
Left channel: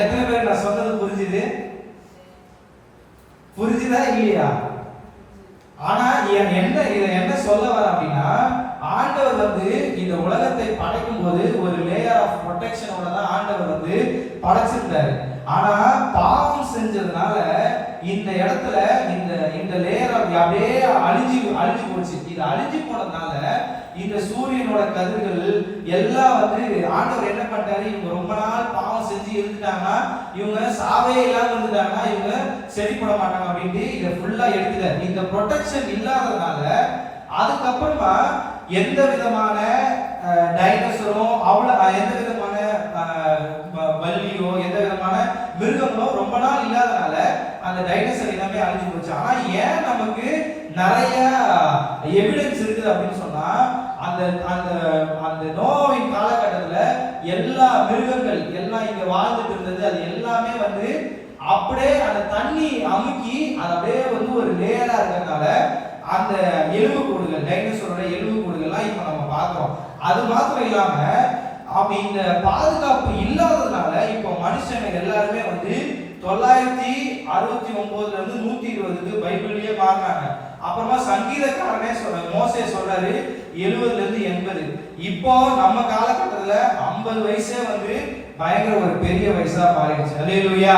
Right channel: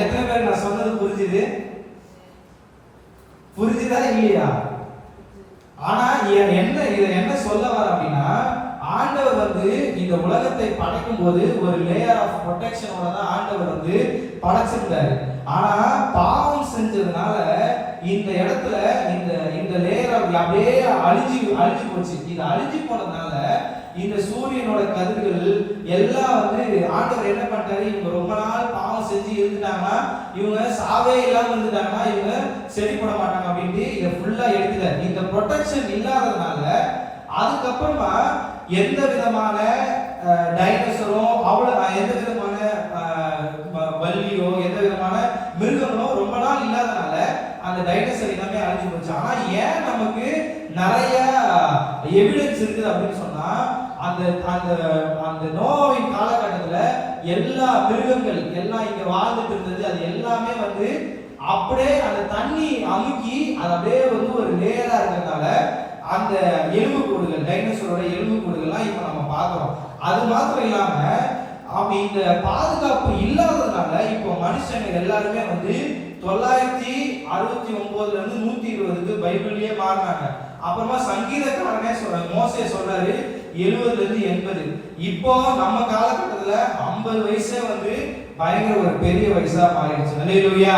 எத்தனை பேர் நான் சொன்னது புரிஞ்சுது? புரிஞ்சுதா இல்லையா? ஆனா என்ன சொல்ல வர அப்படின்னா ஆண்டவர் வந்து இந்த உலகத்தை படைக்கும் போது ஒரு லேயர் ஆஃப் ப்ரொடெக்ஷனோட தான் ஆண்டவர் வந்து படைச்சிருந்தாரு. ஆனா பாவம் செஞ்சதுனால இந்த இடத்துல இந்த இந்த லேயர் அப்படியே அழிஞ்சு போச்சு. இது அழிஞ்சு போனதுனால இந்த சூரியனோட கதிர்கள் எல்லாம் வந்து ஆண்டவர் என்ன பண்ணிட்டாரு, இவங்க ரொம்ப நாள் பாவம் செஞ்சு இருந்துட்டாங்கன்னா இவங்க சாவே இல்லாம இருந்துட்டாங்கன்னா இவங்க சரிப்பட மாட்டாங்க அப்படின்ட்டு இதை ஃபுல்லா எடுத்துட்டாரு. இந்த ப்ரொடெக்ஷன் இல்லாததுனால அதுக்கப்புறமா எந்த விதமான டைனோசரும் எந்த விதமான பல்லியோ எந்த விதமான மிருகங்களோ ரொம்ப நாள் இல்லாதனால அந்த டைனோசர் எல்லாமே அழிஞ்சு போச்சு. ஆனா ஏன் நமக்கு நிறைய எவிடன்ஸ் இருக்குது அப்படின்னு சொன்னா அந்த அந்த அந்த நோவின் காலகட்டத்துல எல்லா மிருகங்கள் எல்லாம் இங்க வாழ்ந்துட்டு இருந்தது, அது எல்லாமே வந்து அப்படியே அந்த தண்ணி அமுக்கி அது அப்படியே வந்து ஒரு லேயரா இருக்கிறதுனால அந்த எலும்பு கூடுகள், டைனோசரோட எலும்பு கூடுகள்லாம் இப்ப நம்ம பார்க்கிறோம். அது மாத்திரம் இல்லாம அப்ப இந்த பாதுகாப்பு இல்லாததுனால இப்போ மனுஷங்க எல்லாருமே வந்து 969ல இருந்து 120க்கு பைபிள்லயே மாறினாங்க. அப்புறமா சங்கீதக்காரனே மோசே சொல்றாரு 70ல இருந்து 80. இப்போ நம்ம காலகட்டத்துல 50 வயசே வந்து பயங்கர ஒரு பெரிய வயசா மாறிடுச்சு. அல்லேலூயா.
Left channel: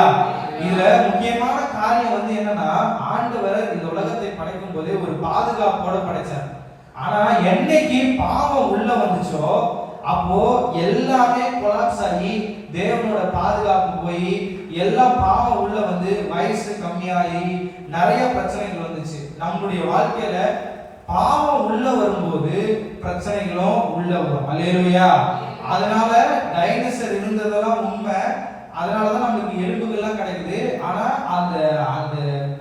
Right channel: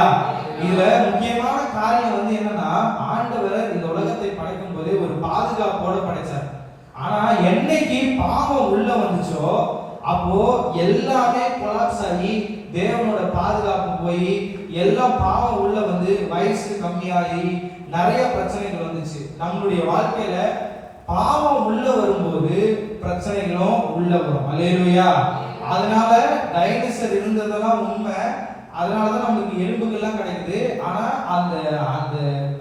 இதுல முக்கியமான காரியம் வந்து என்னன்னா ஆண்டவர் இந்த உலகத்தை படைக்கும் போது ஒரு பாதுகாப்போட படைச்சார். ஆனா என்னைக்கு பாவம் உள்ள வந்துச்சோ அப்போ எல்லாமே கொலாப்ஸ் ஆகி தேவனோட பாதுகாப்பு போய் எல்லாம் பாவம் உள்ள வந்து வயசு கம்மியாகி நிறைய பிரச்சனைகள் வந்துச்சு. நம்மளுடைய வாழ்க்கையில பாவம் உள்ள வரும்போது பிரச்சனைகளும் உள்ள வரும். அல்லேலூயா. அதனால டைனோசர் இருந்ததெல்லாம் உண்மை, அதனாலதான் நமக்கு எலும்புகள்லாம் கிடைக்குது. ஆனா அந்த அந்த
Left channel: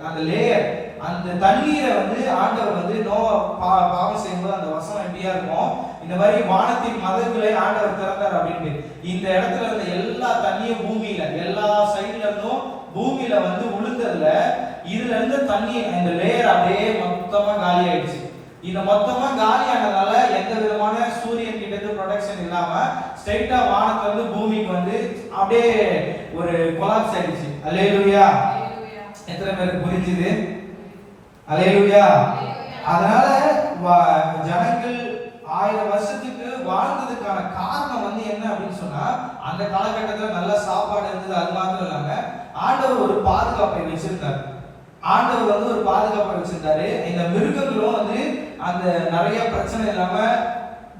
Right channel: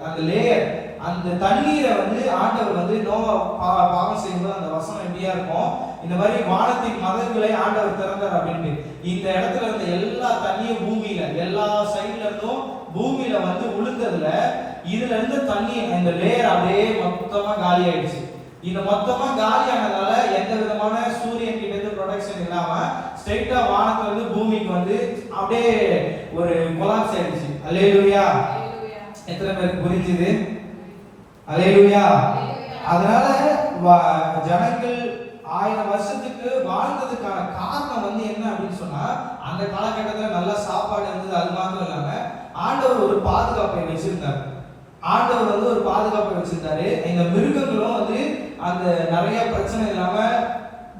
அந்த லேயர், அந்த தண்ணீரை வந்து ஆண்டவர் வந்து பாவம் செய்யும்போது அந்த வசனம் எப்படியா இருக்கும், இந்த மாதிரி வானத்தின் மதகுகளை ஆண்டவர் திறந்தார் அப்படின்ட்டு இந்த இடத்துல இருந்த எல்லா தண்ணியும் பூமியில எல்லா சைடுல இருந்தும் பூமியில வந்து உளுந்ததுல இதுல இருந்து தண்ணி இந்த லேயர் அப்படியே மொத்தமா காலி ஆயிடுச்சு. இந்த மொத்தமா காலியானதால எந்த விதமான சூரியன் கிட்ட இருந்து ப்ரொடெக்ஷன் இல்லாம ஸ்ட்ரைட்டா வானத்துல இருந்து பூமிக்கு வந்து அப்படியே ஒரு கொலாப்ஸ் ஆயிடுச்சு. அல்லேலூயா. எத்தனை பேருக்கு புரிஞ்சுது? அல்லேலூயா. அதனால ஜனங்கள் 1000 வருஷத்துக்கு வாழ்ந்ததுக்கான காரணம் வந்து என்ன அப்படின்னு சொன்னா அந்த காலகட்டத்தில் நல்ல சாப்பாடு இருந்தது. அது மாத்திரம் இல்லாம ஆண்டவர் ஒரு பாதுகாப்பை வச்சிருந்தார். ஆண்டவர் வந்து ஒரு பாதுகாப்பை வச்சிருந்தாரு. இந்த மிருகங்களும் வந்து அந்த நிறைய பிரச்சனை இல்லாம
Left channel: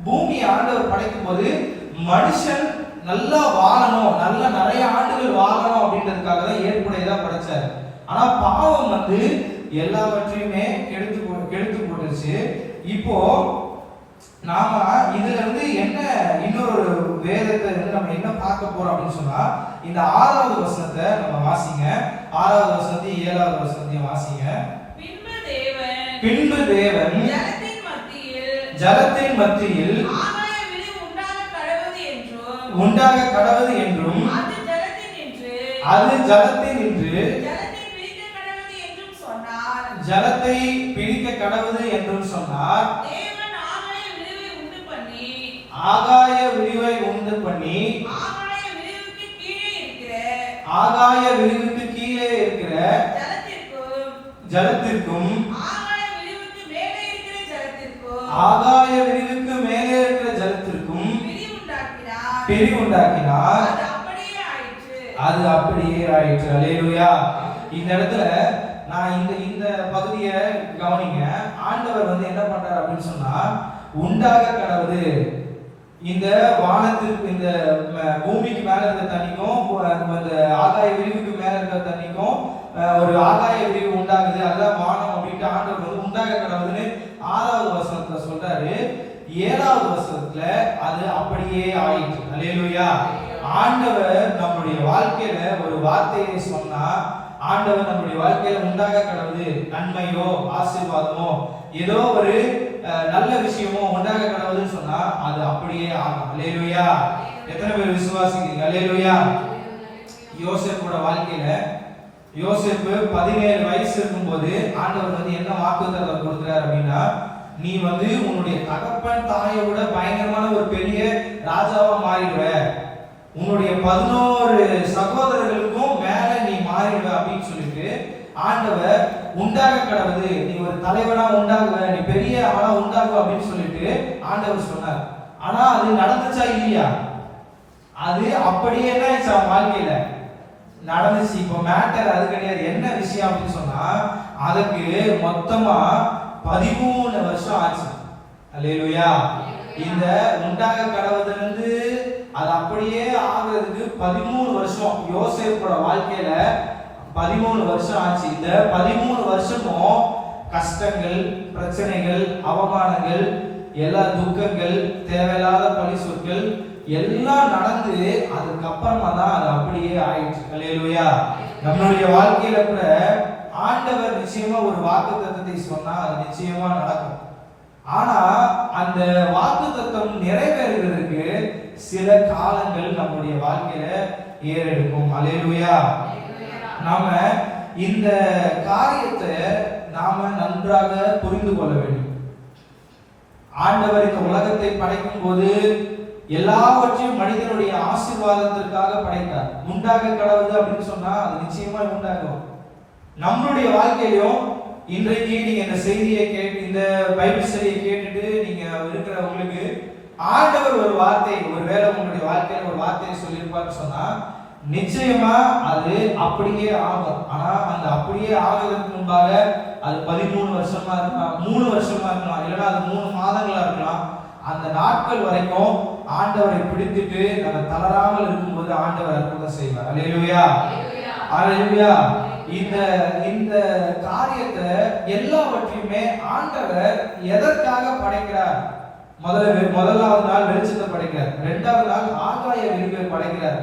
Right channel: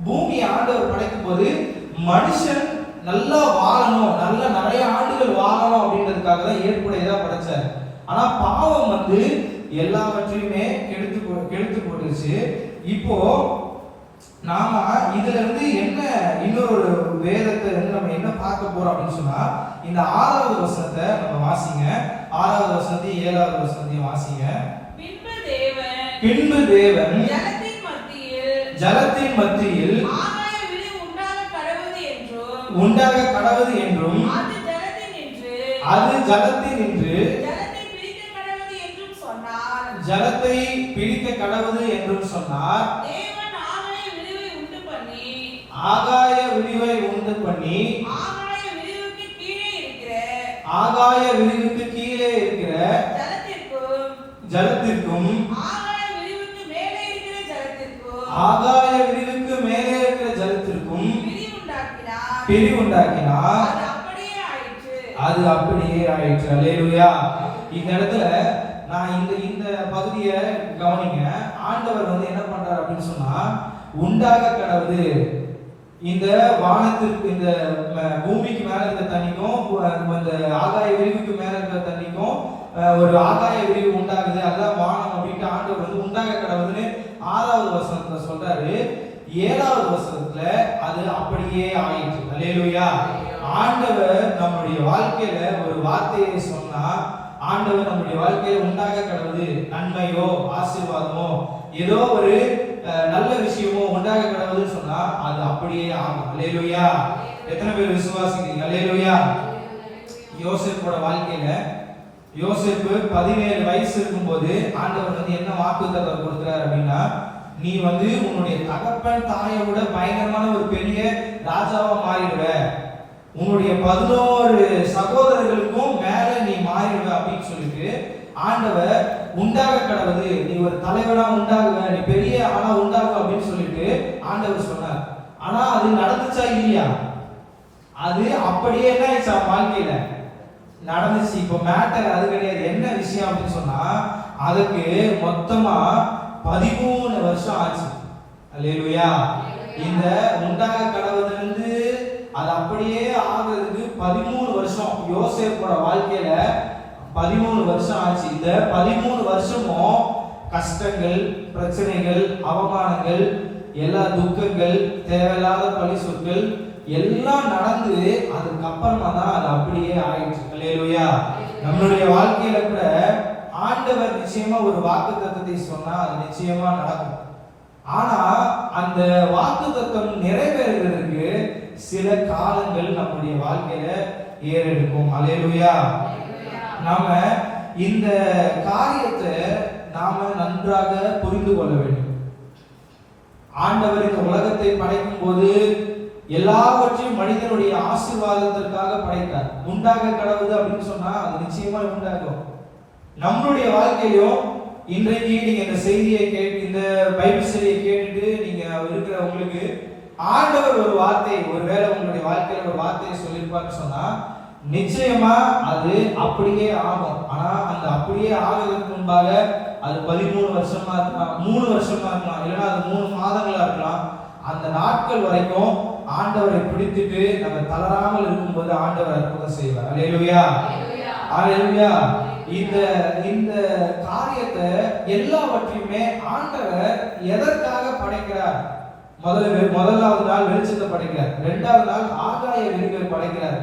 பூமி ஆண்டவர் படைக்கும் போது மனுஷன் நல்லா வாழணும், நல்ல நிறைய ஆண்டுகள் வாழணும் அப்படின்றதுக்காக தான் ஏற்புடையதா படைச்சார். ஆனா பாவம் வந்து எல்லாவற்றையுமே கெடுத்து போட்டுருச்சு. இப்போ நாம இதுல இருந்து என்ன இன்னொரு வேதத்தை வந்து நம்ம என்ன பார்க்க போறோம் அப்படின்னு சொன்னா இந்த 6வது வசனத்தை நம்ம வாசிங்க. 6வது வசனத்தையும் 7வது வசனத்தையும் வாசிங்க. பின்பு தேவன் ஜலத்தின் மத்தியில் உண்டாக கடவது என்றும் அது ஜலத்தில் நின்று ஜலத்தை பிடிக்க கடவது என்றும் சொன்னார். ஆகாய விரிவை உண்டு பண்ணி ஆகாய விரிவுக்கு கீழே இருக்கிற ஜலத்திற்கும் ஆகாய விரிவுக்கு மேலே இருக்கிற ஜலத்திற்கும் பிரிவுண்டாக்கினார். அது அப்படியே ஆயிற்று. அல்லேலூயா. இந்த இடத்துல நான் இந்த பகுதியை கவனிங்க. ஆண்டவர் வந்து என்ன பண்றார் அப்படின்னு சொன்னா, உண்டாக கடவுது இந்த வானத்திற்கு இந்த பூமிக்கு மேல இருக்க தண்ணிக்கும் இந்த ஆகாய விரிவுக்கு மேல இருக்க தண்ணிக்கும் ஒரு ஆகாய விரிவு உண்டாகுது, அதுதான் வானம் அப்படின்ட்டு ஆண்டவர் வந்து உண்டாக கடவுதுன்னு 6வது வசனத்துல சொல்றாரு. 7வது வசனத்துல அது அப்படியே ஆயிற்று. அல்லேலூயா. ஆண்டவர் நம்முடைய வாழ்க்கையில ஒரு வார்த்தையை சொன்னா, ஆண்டவர் நம்முடைய வாழ்க்கையில உண்டாக கடவுது நன்மையோ ஆசீர்வாதமோ ஏதோ ஒரு நல்ல விஷயமோ உண்டாக கடவுதுன்னு சொன்னா அது அப்படியே ஆகும். அல்லேலூயா. எத்தனை பேர் விசுவாசிக்கிறீங்க? அல்லேலூயா. யோசேப்போட வாழ்க்கையில யோசேப்பு 17 வயசு இருக்கும்போது ஆண்டவர் வந்து என்ன வாக்குத்தத்தம் கொடுக்கிறார் அப்படின்னா, நீ வந்து உன்னுடைய தகப்பன் தாயை விட பயங்கரமான ஒரு பெரிய ராஜாவா மாறிடுவ, உன்னுடைய 11 சகோதரர்களுக்கும் மேல நீ மாறிடுவ அப்படின்னு சொல்லிட்டு ஆண்டவர் உண்டாக கடவுது, நீ ஒரு தலைவனா உண்டாகுவ, நீ பெரிய ஆளா உண்டாகுவ அப்படின்னு சொல்லிட்டு ஆண்டவர் சொன்னார். ஆனா அது நடந்துச்சா இல்லையா? அது அப்படியே தான் வாழ்க்கையில நடந்துச்சு. இப்போ மேட்டர் அது கிடையாது. என்ன விஷயம் அப்படின்னு சொன்னா, அதுக்கு மொத்தமா 13 வருஷம் ஆச்சு. அல்லேலூயா. இந்த உண்டாக கடவுதுல இருந்து அது அப்படியே ஆகிறதுக்கு 13 வருஷம். யோசேப்போட வாழ்க்கையில 13 வருஷம் ஆச்சு. இந்த 13 வருஷமும் கஷ்டங்கள், பிரச்சனைகள், அவமானங்கள், எல்லா துக்கங்கள், தேவையில்லாத பழி சொற்கள் எல்லாம் நடந்து அதுக்கப்புறமா தான் அது அப்படியே ஆயிடுச்சு. அல்லேலூயா. நம்மளுடைய வாழ்க்கையில கூட ஆண்டவர் நிச்சயமா ஒரு வாக்குத்தத்தத்தை சொன்னா அது நிச்சயமா நடக்கும். ஆனா அந்த வாக்குத்தத்தம் நிறைவேறுவதற்கு சில காலங்கள் நம்முடைய வாழ்க்கையில ஏறெடுக்கும். அல்லேலூயா. நாம இந்த காரியத்தை நாம நன்றாக புரிந்து கொள்ள வேண்டும். ஆண்டவர் இந்த உலகத்தை படைக்கும் போது எல்லாவற்றையும் மனிதனுடைய ஆசீர்வாதத்திற்காக படைத்தார். உண்டாக கடவுது அப்படின்னு சொன்னா அது நிச்சயமா உண்டாகும். நம்மளுடைய வாழ்க்கையிலும் இன்றைக்கு நீங்க இந்த செய்தியை கேட்டு இந்த பைபிள் ஸ்டடியை கேட்டுட்டு நீங்க இருக்கிற உங்களுக்கு ஆண்டவர் ஒரு வார்த்தை, ஒருவேளை உங்களுடைய வாழ்க்கையில ஒரு வார்த்தையை சொல்லியிருப்பான்னு சொன்னா நிச்சயமா அது அப்படியே ஆகும். ஆனா அந்த அப்படியே ஆகிறதுக்கு முன்பாக அது 13 வருஷமா இருக்கலாம், 3 வருஷமா இருக்கலாம், இல்லைன்னா அது 3 மாதங்களா இருக்கலாம். அந்த நாட்கள் வரைக்கும் ஆண்டவரை பிடித்துட்டு நம்ம தளராமல் இருக்கும்போது ஆண்டவர் அற்புதம் செய்வார். அல்லேலூயா. அல்லேலூயா. இந்த காரியத்தை எல்லாவற்றையுமே ஆண்டவர் எதற்காக படைக்கிறார்? முதலாவது நாள் வெளிச்சத்தை படைக்கிறார், 2வது நாள் ஆகாய விரிவை படைக்கிறார்.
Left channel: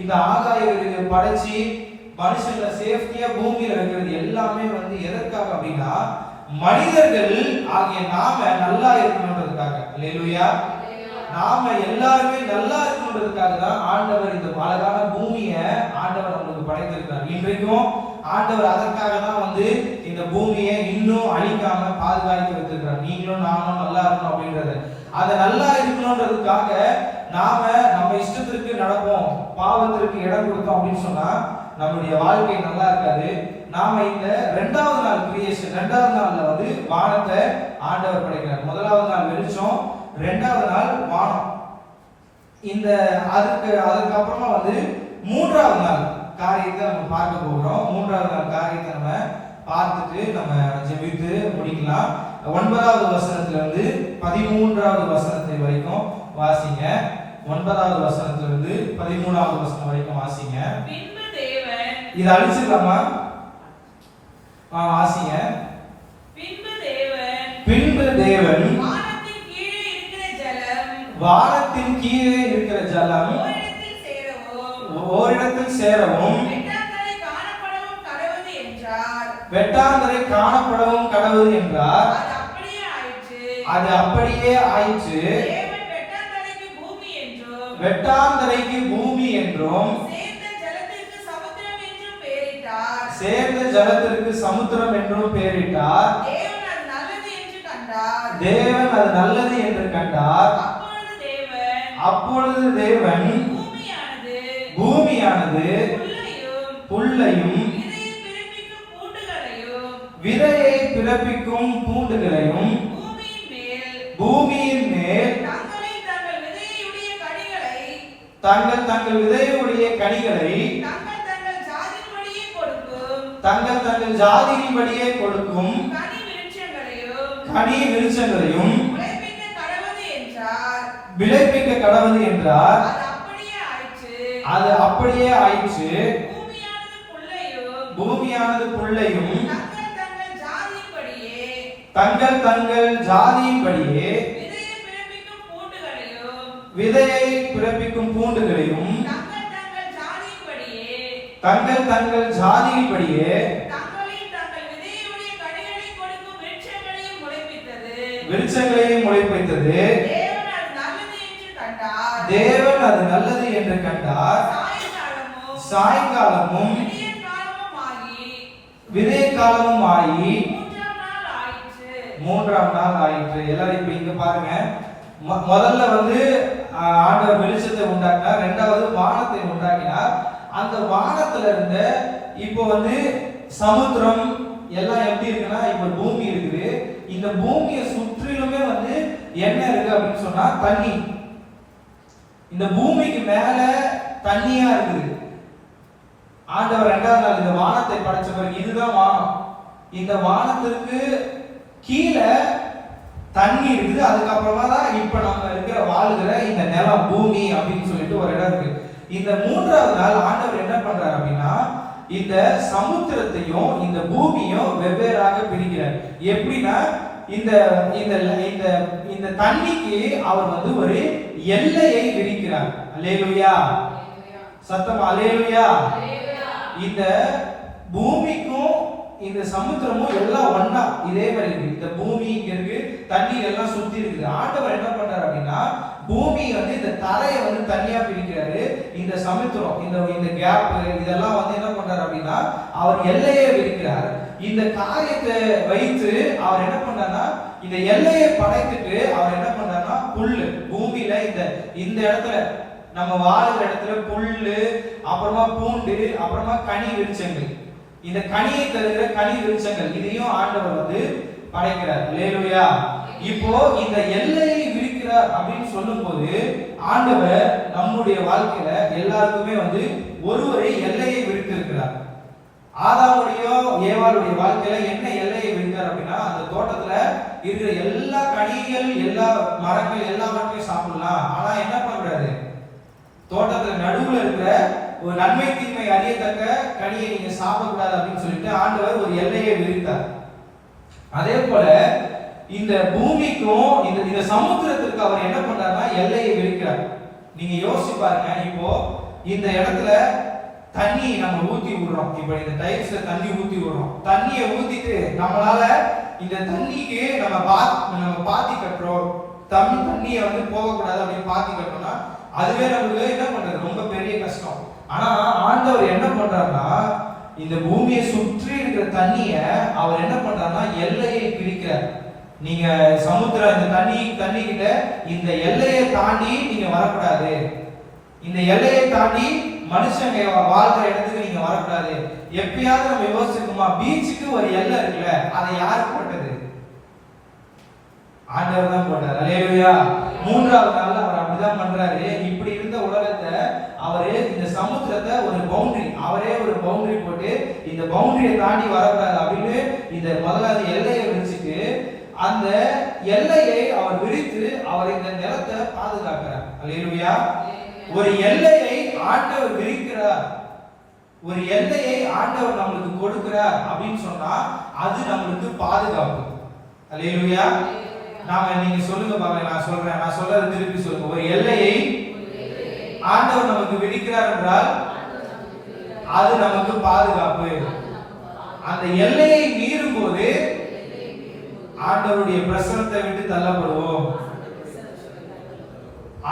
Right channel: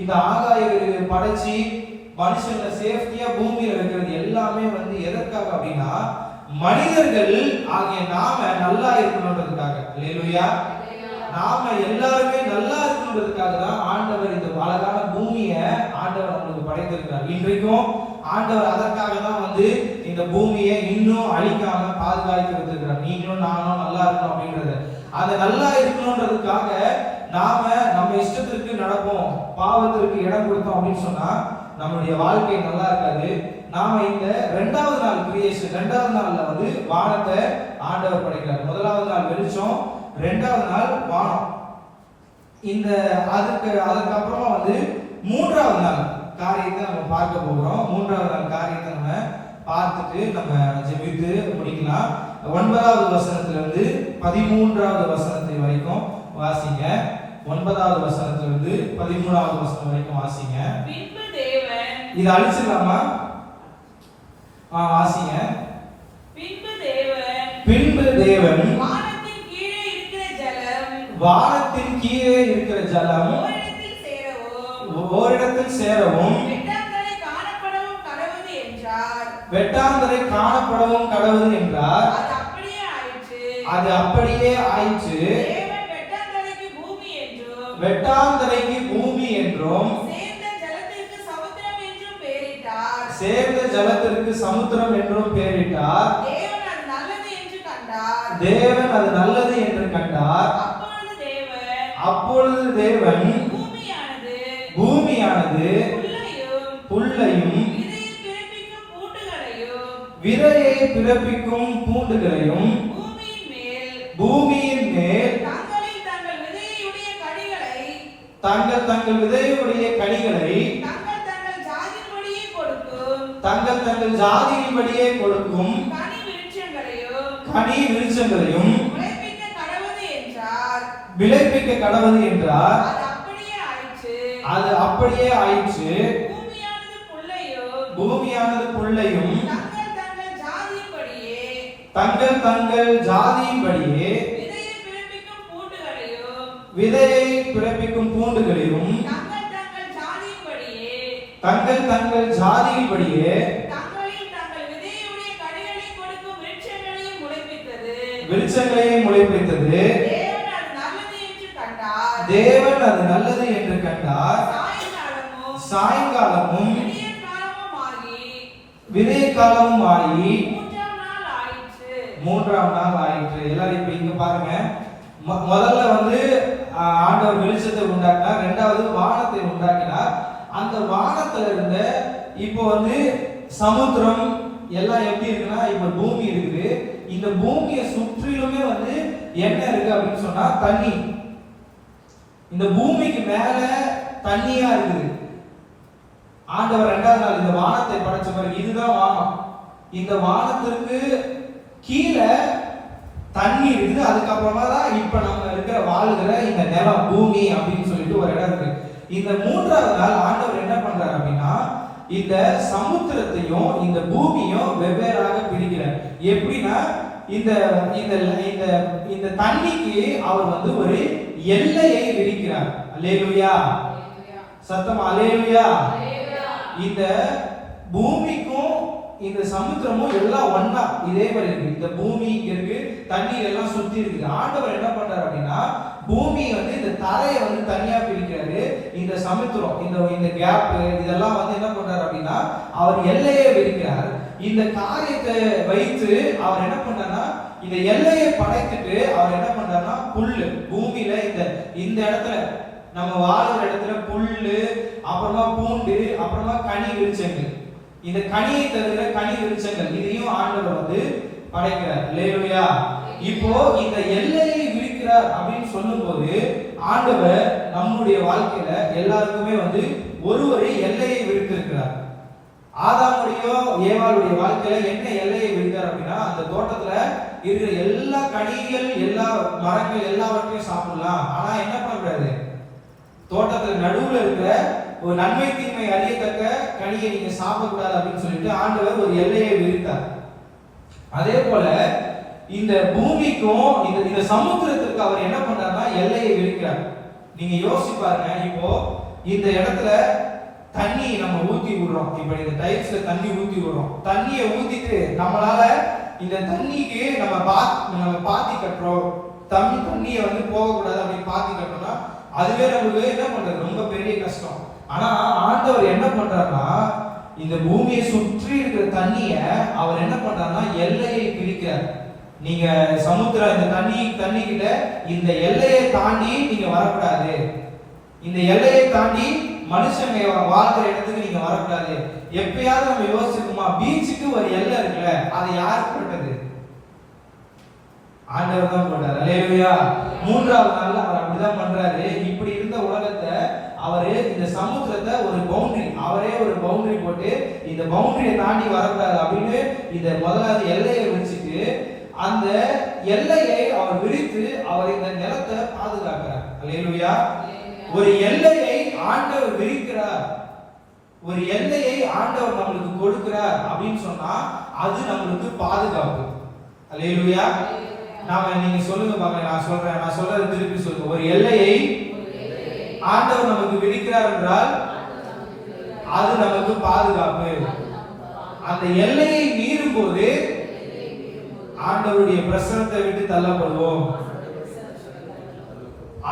இந்த ஆகாய விரிவை படைச்சி மனுஷங்களை சேஃப்டியா பூமியில வைக்கிறது எல்லாமே வந்து எதற்காக அப்படின்னா, மனிதர்கள் ஆகிய நாம நல்லா இருக்கணும்ன்றதுக்காக. அல்லேலூயா. நாம எல்லாருமே நல்லா இருக்கணும்ன்றதுக்காக தான் ஆண்டவர் இந்த அழகான பூமியை ஆண்டவர் நமக்கு படைத்திருக்கிறார். இன்றைக்கும் ஆண்டவர் அதற்காக தான் வந்து இந்த பூமியை இன்னும் அழிக்காம பாதுகாத்து வைத்திருக்கிறார். நீங்களும் நானும் நல்லா இருக்கணும் அப்படின்றது, அதை நல்லா இருக்கணும்ன்றதுக்காக நாம நம்ம இஷ்டத்திற்கு நடப்போம், பாவத்திற்கு இடம் கொடுத்தோம் அப்படின்னு சொன்னா நம்மளுடைய வாழ்க்கை நல்லா இருக்காது. நாம இந்த 2வது நாள் கிரியேஷன், 2வது நாள்ல வந்து வானத்தை ஆண்டவர் படைக்கிறார். முதலாவது நாள் வெளிச்சம், 2வது நாள் வானம். இந்த அதுக்கப்புறமா வந்து 3வது நாள் காரியத்தை நம்ம பார்க்க போகிறோம். 3வது நாள் காரியத்தை நம்ம பார்த்துட்டு நம்ம ஜெபித்து முடிக்கலாம். 9வது வசனத்துல இருந்து 13வது வசனத்தை வரைக்கும் வாசிங்க. 9வது வசனத்துல இருந்து 13வது வசனம் வரைக்கும் வாசிங்க. பின்பு தேவன், இத அழிச்சிடலாமா? வாசிங்க. பின்பு தேவன் வானத்தின் கீழே இருக்கிற ஜலம் ஓரிடத்தில் சேரவும் வெட்டாந்தரை காணப்படவும் கடவுது என்றார். அது அப்படியே ஆயிற்று. வெட்டாந்தரைக்கு பூமி என்றும் சேர்ந்த ஜலத்திற்கு சமுத்திரம் என்றும் பெயரிட்டார். தேவன் அது நல்லது என்று கண்டார். அப்பொழுது தேவன் பூமியானது புல்லையும் விதையை பிறப்பிக்கும் பூண்டுகளையும் பூமியின் மேல் தங்கள் தங்கள் விதையுடைய கனிகளை தங்கள் தங்கள் ஜாதியின்படியே கொடுக்கும் கனி விருட்சங்களையும் விளைவிக்க கடவுது என்றார். அது அப்படியே ஆயிற்று. பூமியானது புல்லையும் தங்கள் தங்கள் ஜாதியின்படியே விதையை பிறப்பிக்கும் பூண்டுகளையும் தங்கள் தங்கள் ஜாதியின்படியே விருட்சங்களையும் முளைப்பித்தது. தேவன் அது நல்லது என்று கண்டார். சாயங்காலமும் விதை காலமும் ஆகி மூன்றாம் நாள் ஆயிற்று. எல்லாரும் இப்ப இங்க பாருங்க, முதல்ல வந்து ஆண்டவர் வெளிச்சத்தை உண்டாக்கினார், இரண்டாவது வானத்தை உண்டாக்கினார். அந்த வானத்துல இருந்த இப்போ வந்து சமுத்திரம் எல்லாம் எப்படி இருக்குன்னா, இப்ப பூமி இருக்குது. இந்த பூமியை சுற்றிலுமே வந்து என்ன இருக்கு அப்படின்னு சொன்னா தண்ணி. இந்த பூமிக்கு மேல தண்ணியா இருக்குது. ஆண்டவர் இரண்டாவது நாள் இந்த வானத்தை படைச்ச பிறகு இதுதான் வானம். இந்த வானத்திற்கு கீழே தண்ணி இருக்குது. அதுக்கப்புறமா தான் இப்ப நம்ம இருக்கிற வாழ்கிற இந்த நிலம் பூமி அப்படின்னு சொல்லிட்டு ஒரு இடம் இருக்கு. இந்த மூன்றாவது நாள் ஆண்டவர் என்ன பண்றாரு அப்படின்னா, இந்த சமுத்திரத்தையும் இந்த பூமியும் வெவ்வேறாக பிரிக்கிறார். எப்படின்னா, இந்த இந்த இந்த இந்த தண்ணிக்கு அவர் வந்து ஒரு எல்லையை விரிக்கிறார். அல்லேலூயா, சத்தமா அல்லேலூயா. இந்த பூமிக்கும் இந்த சமுத்திரமும் எல்லாம் ஒண்ணா இதே மாதிரி இருக்கு. இந்த பூமி இங்க இருக்கு, தண்ணீர் எல்லாம் சுத்தி இருக்குது. ஆண்டவர் என்ன பண்றாரு அப்படின்னா, பூமி வந்து இந்த தரையை வந்து தனியா பிரிக்கிறாரு. இந்த சமுத்திரம் இந்த இந்த கேப் இதெல்லாம் வந்து என்ன பண்றாரு அப்படின்னா, அவர் எல்லையை விரிக்கிறார். இந்த காரியத்தை வைத்து அவர் என்ன பண்றாருன்னா, இந்த எல்லையை படைத்துட்டு அவர் என்ன பண்றாருன்னா, புல்லு பூமியில இந்த இந்த இடத்துல நம்ம வாழ்கிற இடத்துல புல்லு, அப்புறமா பூண்டு, அப்புறமா கனி விருட்சங்கள், இந்த கனியை தருகிற கனி விருட்சங்கள் இதையும் ஆண்டவர் வந்து படைக்கிறார். அல்லேலூயா. இப்போ இந்த எல்லையை விரிக்கிறார் அப்படின்னு சொல்லும்போது, ஆண்டவர் நம்முடைய வாழ்க்கையில எல்லாருக்குமே வந்து ஒரு எல்லையை விரித்திருக்கிறார். ஆதாமுடைய ஏவாளுடைய வாழ்க்கையில என்ன எல்லையை விரித்தார் அப்படின்னா, அந்த தோட்டத்துல இருக்கிற எல்லா கனிகள் எல்லா மரங்கள் எல்லாவற்றையும் சாப்பிடலாம், ஆனா என்ன பண்ணக்கூடாது, தோட்டத்துல நடுவுல இருக்கிற ஒரு நன்மை தீமை அறியத்தக்க கனியை நீங்க சாப்பிடக்கூடாது அப்படின்னு சொல்லிட்டு ஆண்டவர் ஒரு எல்லையை விரித்தார். அதே போல இந்த பூமிக்கும் இந்த சமுத்திரத்திற்கு அவர் என்ன பண்றாருன்னா எல்லையை விரிக்கிறார். நீங்க யோசிச்சு பாருங்க, இப்போ இந்த இடத்துல தண்ணி நம்ம ஊத்தி விடுறோம். இப்ப இந்த டைல்ஸ்ல தண்ணி ஊத்தி விடுறோம். தண்ணியை ஊத்திட்டு நம்மளால இந்த தண்ணிக்கு நம்ம பாத்தி கட்டுறோம். தண்ணியை வந்து போகக்கூடாது அப்படின்னு பாத்தி கட்டுறோம்னா அதுவே நமக்கு என்ன பண்றது, ரொம்ப பெரிய கஷ்டம். ஆனா ஆண்டவர் என்ன பண்றாருன்னா, இந்த பூமியை சுற்றி இருக்கிற தண்ணிய அவர் என்ன பண்றாருன்னா எல்லையை பிரிக்கிறார். நீங்க சமுத்திரம் இந்த தண்ணி கிட்ட இந்த எல்லையை தாண்டி நீங்க வரக்கூடாது, இந்த எல்லையை தாண்டி மனுஷங்க வாழ்ற இடத்துக்கு நீங்க வரக்கூடாது. எப்பயாவது நம்ம யோசிச்சிருக்கோமா, பீச்சுக்கு ஒரு எல்லை இருக்குல்ல, அதை யார் போட்டது? ஆண்டவர் தான் போட்டார். அல்லேலூயா. மூன்றாவது நாள்ல அவர் அப்படிதான் பண்றாரு. இப்படி இருந்த உலகத்தை அவரு இந்த சமுத்திரத்தை ஒரு பவுண்டரி, அவரே ஒரு பவுண்டரி போட்டு இந்த பவுண்டரியை தாண்டி வரக்கூடாது அப்படின்னு இந்த முதலாவது எல்லையை விரிச்சுட்டு அந்த எல்லையை அவர் விரித்து அவர் இந்த நிலத்தை பாதுகாக்கிறார். அல்லேலூயா. ஒரு எல்லையை ஆண்டவர் விரிக்கிறார், ஒரு எல்லையை ஆண்டவர் நம்மளுக்கு கொடுக்கிறார் அப்படின்னு சொன்னா அது நம்மளுக்கு பாதுகாப்பு. அல்லேலூயா. நாம நீங்க சொல்லுங்க பாருங்க, நான் சொல்றது திருப்பி சொல்லுங்க. ஒரு எல்லையை ஆண்டவர் நமக்கு விதிக்கிறார் என்றால் அது நமக்கு பாதுகாப்பு. அந்த எல்லையை மீறும் போது ஆண்டவருடைய பிரசன்னத்தை விட்டு தள்ளப்படுவோம்.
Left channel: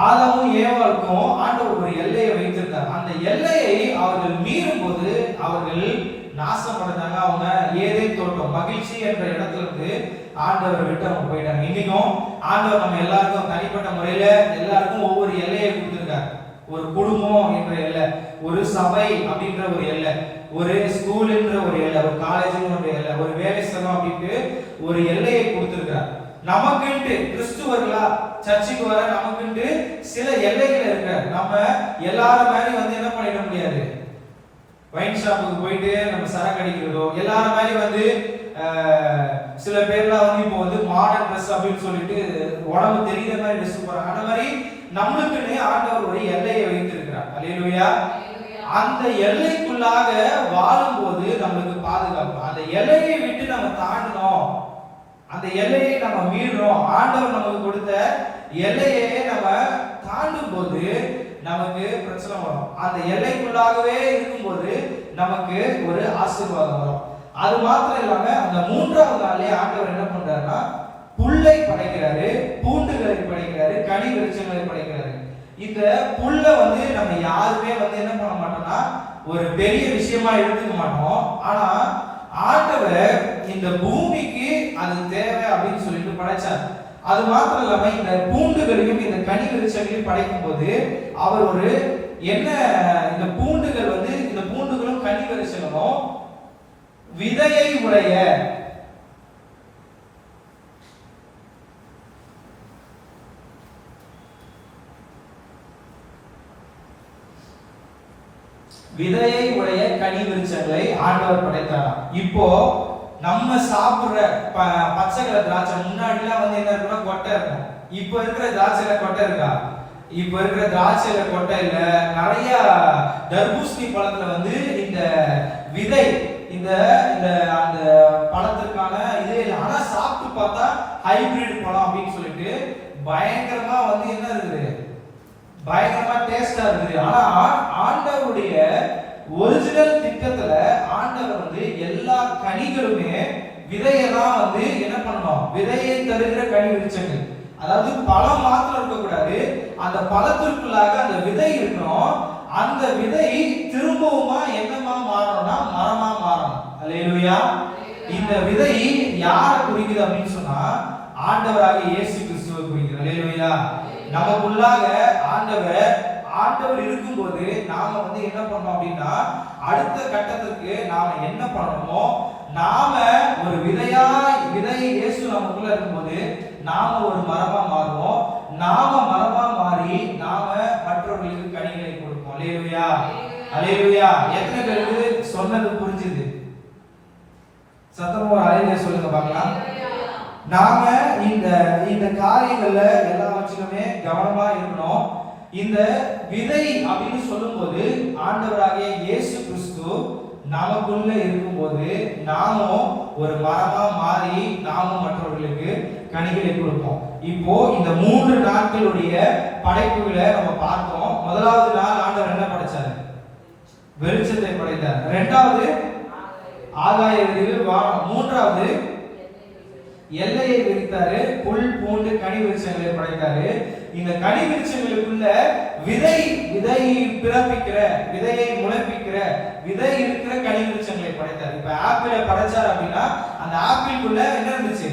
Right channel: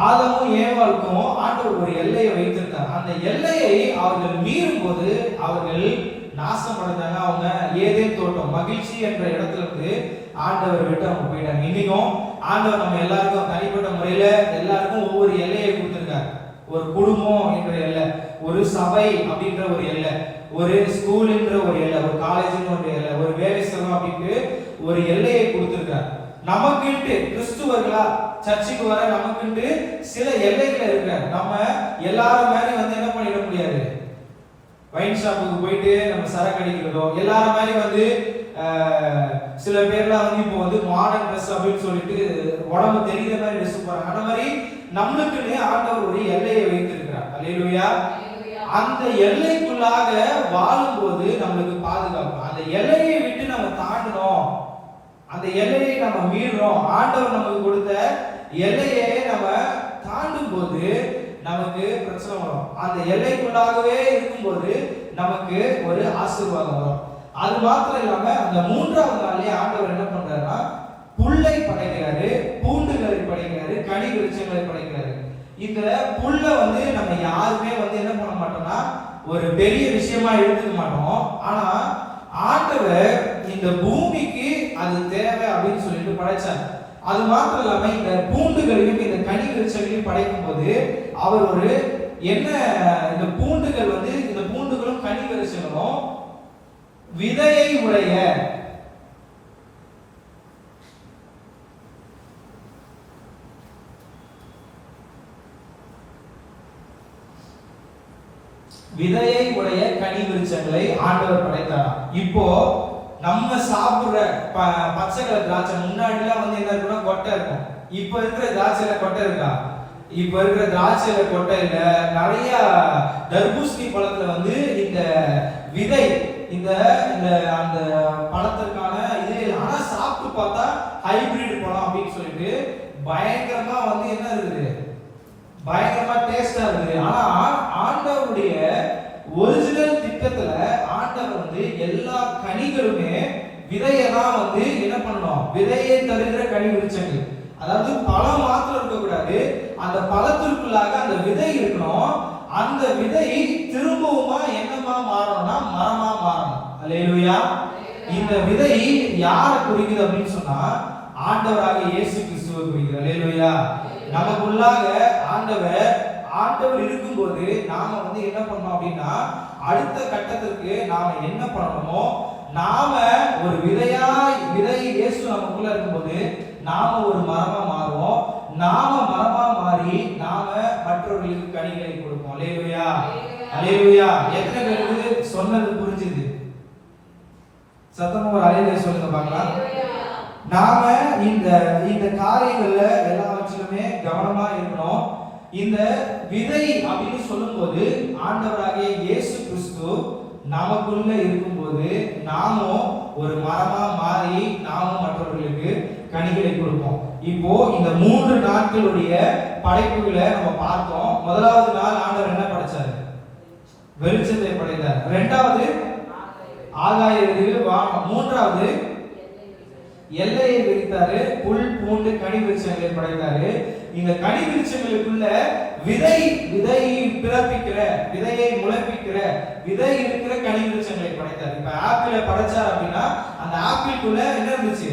ஆதாமும் ஏவாளுக்கும் ஆண்டவர் ஒரு எல்லையை வைத்திருந்தார். அந்த எல்லையை அவர்கள் மீறும் போது அவர்கள் நாசம் அடைந்தாங்க. அவங்க ஏதேன் தோட்டம் மகிழ்ச்சி என்ற இடத்துல இருந்து ஆண்டவர் விட்டு அவங்க போயிட்டாங்க. இன்னைக்கும் ஆண்டவர் நம்ம எல்லாருக்கும் தனிப்பட்ட முறையில எல்லாருக்கும் ஒவ்வொரு எல்லையை கொடுத்திருக்கார். ஒரு குடும்பம் என்ற எல்லை, ஒரு சபை அப்படின்ற ஒரு எல்லை, ஒரு ஸ்கூல்ன்ற ஒரு எல்லை, ஒரு காலேஜ்ன்ற ஒரு எல்லை, ஒரு வேலை ஸ்தலம் அப்படின்ட்டு ஒரு எல்லையை கொடுத்திருக்கார். நமக்குன்ட்டு கிறிஸ்துவர்களா சர்ச்சுக்கு வர நமக்குன்ட்டு சில எல்லைகள் இருக்கு. நம்ம எல்லாரும் மாதிரி வந்து என்ன பண்ணிட முடியாது, வைன் ஷாப்புக்கு போயிட்டு நம்ம சரக்கு அடிக்கிறதோ, எல்லாரும் மாதிரி வந்து சில பேர்லாம் வந்து இப்போ வந்து மாடர்ன் ட்ரெஸ் அப்படின்னு சொல்லிட்டு உடம்பு தெரியுற மாதிரி ட்ரெஸ் போறாங்க. அந்த மாதிரி நம்மளுக்குன்னு ஆண்டவர் ஒரு எல்லையை வைத்திருக்கிறார். அல்லேலூயா. அந்த எல்லைக்குள்ளாக வாழும்போது நம்மளுக்கு பாதுகாப்பு. அந்த எல்லையை விட்டு நம்ம தாண்டணும், அந்த எல்லையை நம்ம மீறணும், ஆண்டவர் நமக்கு கொடுத்த எல்லையை நம்ம தாண்டும் போது நமக்கு பிரச்சனை வரும். அந்த எல்லைக்குள்ளாகவே இருக்கும்போது நமக்கு ஒரு ஆசீர்வாதம் வரும். அது மாத்திரம் இல்லாம அந்த மூன்றாவது நாள்லயே ஆண்டவர் என்ன பண்றாருன்னா புல்லை படைக்கிறாரு, பூண்டுகளை படைக்கிறாரு, கனி விருட்சங்களை படைக்கிறாரு. இந்த புல்ல வந்து நம்ம யாருமே வந்து என்ன பண்ண மாட்டோம்னா ஒரு பெரிய விஷயமா எடுத்துக்க மாட்டோம். ஆனா ஆண்டவர் இந்த பூமிக்கு அது தேவை அப்படின்னு சொல்லிட்டு படைச்சார். அது மாத்திரம் இல்லாம இந்த பூண்டுகளையும் இந்த கனி விருட்சங்களையும் படைக்கும் போது அவர் ஒரு என்ன, இந்த பூண்டுகள் வந்து இந்த பூண்டுகளும் கனி விருட்சங்களும் விதையை உடைய கனி விருட்சங்களை ஆண்டவர் படைத்தாராம். இப்போ நம்ம சாப்பிடுற பச்சை கலர் திராட்சை முன்னாடிலாம் வந்து என்ன இருக்குன்னா கொட்டை இருக்கும். இப்போ இருக்கிற திராட்சையில கொட்டை இருக்கா? இப்போ இருக்கிற திராட்சையில கொட்டை இல்ல. நிறைய தர்பூசணி பழத்துல வந்து இந்த விதை, இந்த அந்த பழத்திற்கான இது இல்லை. ஆனா சாப்பிட்டு பார்த்தா ஹைபிரிட் பழம் அப்படின்னு சொல்லிட்டு பயங்கரமா வந்து என்ன இருக்குது, பயங்கரமா டேஸ்டா இருக்குது. ஆனா ஆண்டவருடைய ஒரிஜினல் திட்டத்துல ஆண்டவர் வந்து எல்லா கனிகளுமே விதையை தான் வந்து என்ன பண்ணணும், விதையை தருகிற கனி விருட்சங்கள். அதாவது பழம் மாத்திரம் இருக்கக்கூடாது, அந்த பழத்திற்குள்ளாக அந்த விதை இருக்கணும். அந்த விதை திரும்பவுமா என்னமா மாறணும்னா மரமா மாறணும். அல்லேலூயா. இந்த விதை யாரை குறிக்குது அப்படின்னு சொன்னா ஆண்டவராகிய இயேசு கிறிஸ்துவை குறிக்குது. அல்லேலூயா. நமக்குள்ளாக ஆண்டவர் இருக்கும்போது நாம வந்து என்ன பண்ணணும் அப்படின்னா அடுத்த கட்டத்திற்கு நாம என்ன பண்ணணுமோ, நாம ஒரு விதை இயேசு நமக்குள்ள இருக்கும்போது நாம ஒரு மரமா மாறுவோம். நாம மரமா மாறி நாம மற்றவர்களுக்கு கனிகளை கொடுப்போம். அல்லேலூயா. அல்லேலூயா. எத்தனை பேருக்கு சொன்னது புரிஞ்சுது? சத்தமா ஒரு அல்லேலூயா சொல்லுங்க பார்க்கலாம். நாம இந்த காரியங்கள்ல எல்லாவற்றிலுமே கவனமா இருக்கணும். இந்த விதை அப்படின்னு சொல்லும்போது ஆண்டவராகிய இயேசு கிறிஸ்து நமக்குள்ள இருக்கும்போது நாமும் ஒரு மரமா மாறி நாமும் மற்றவர்களுக்கு கனிகளை கொடுப்போம். இப்போ இந்த 3 நாட்களுடைய படைப்புகளை நம்ம பார்த்தோம். முதலாவது நாள் ஆண்டவர் என்ன படைச்சாரு? வெளிச்சத்தை படைத்தார். இரண்டாவது ஆகாய விரிவு, மூன்றாவது எல்லையை விரித்தாரு, புல் பூண்டு கனி விருட்சங்களை படைத்தாரு. இந்த கனி விருட்சங்களுக்குள்ள விதையை பிறப்பிக்கிற, விதையை முளைப்பிக்கிற, விதை இருக்கிற கனி விருட்சங்களை படைத்தாரு. இப்ப ஆப்பிளை படைச்சார் அப்படின்னா அந்த ஆப்பிளுக்குள்ள என்ன இருந்துச்சு?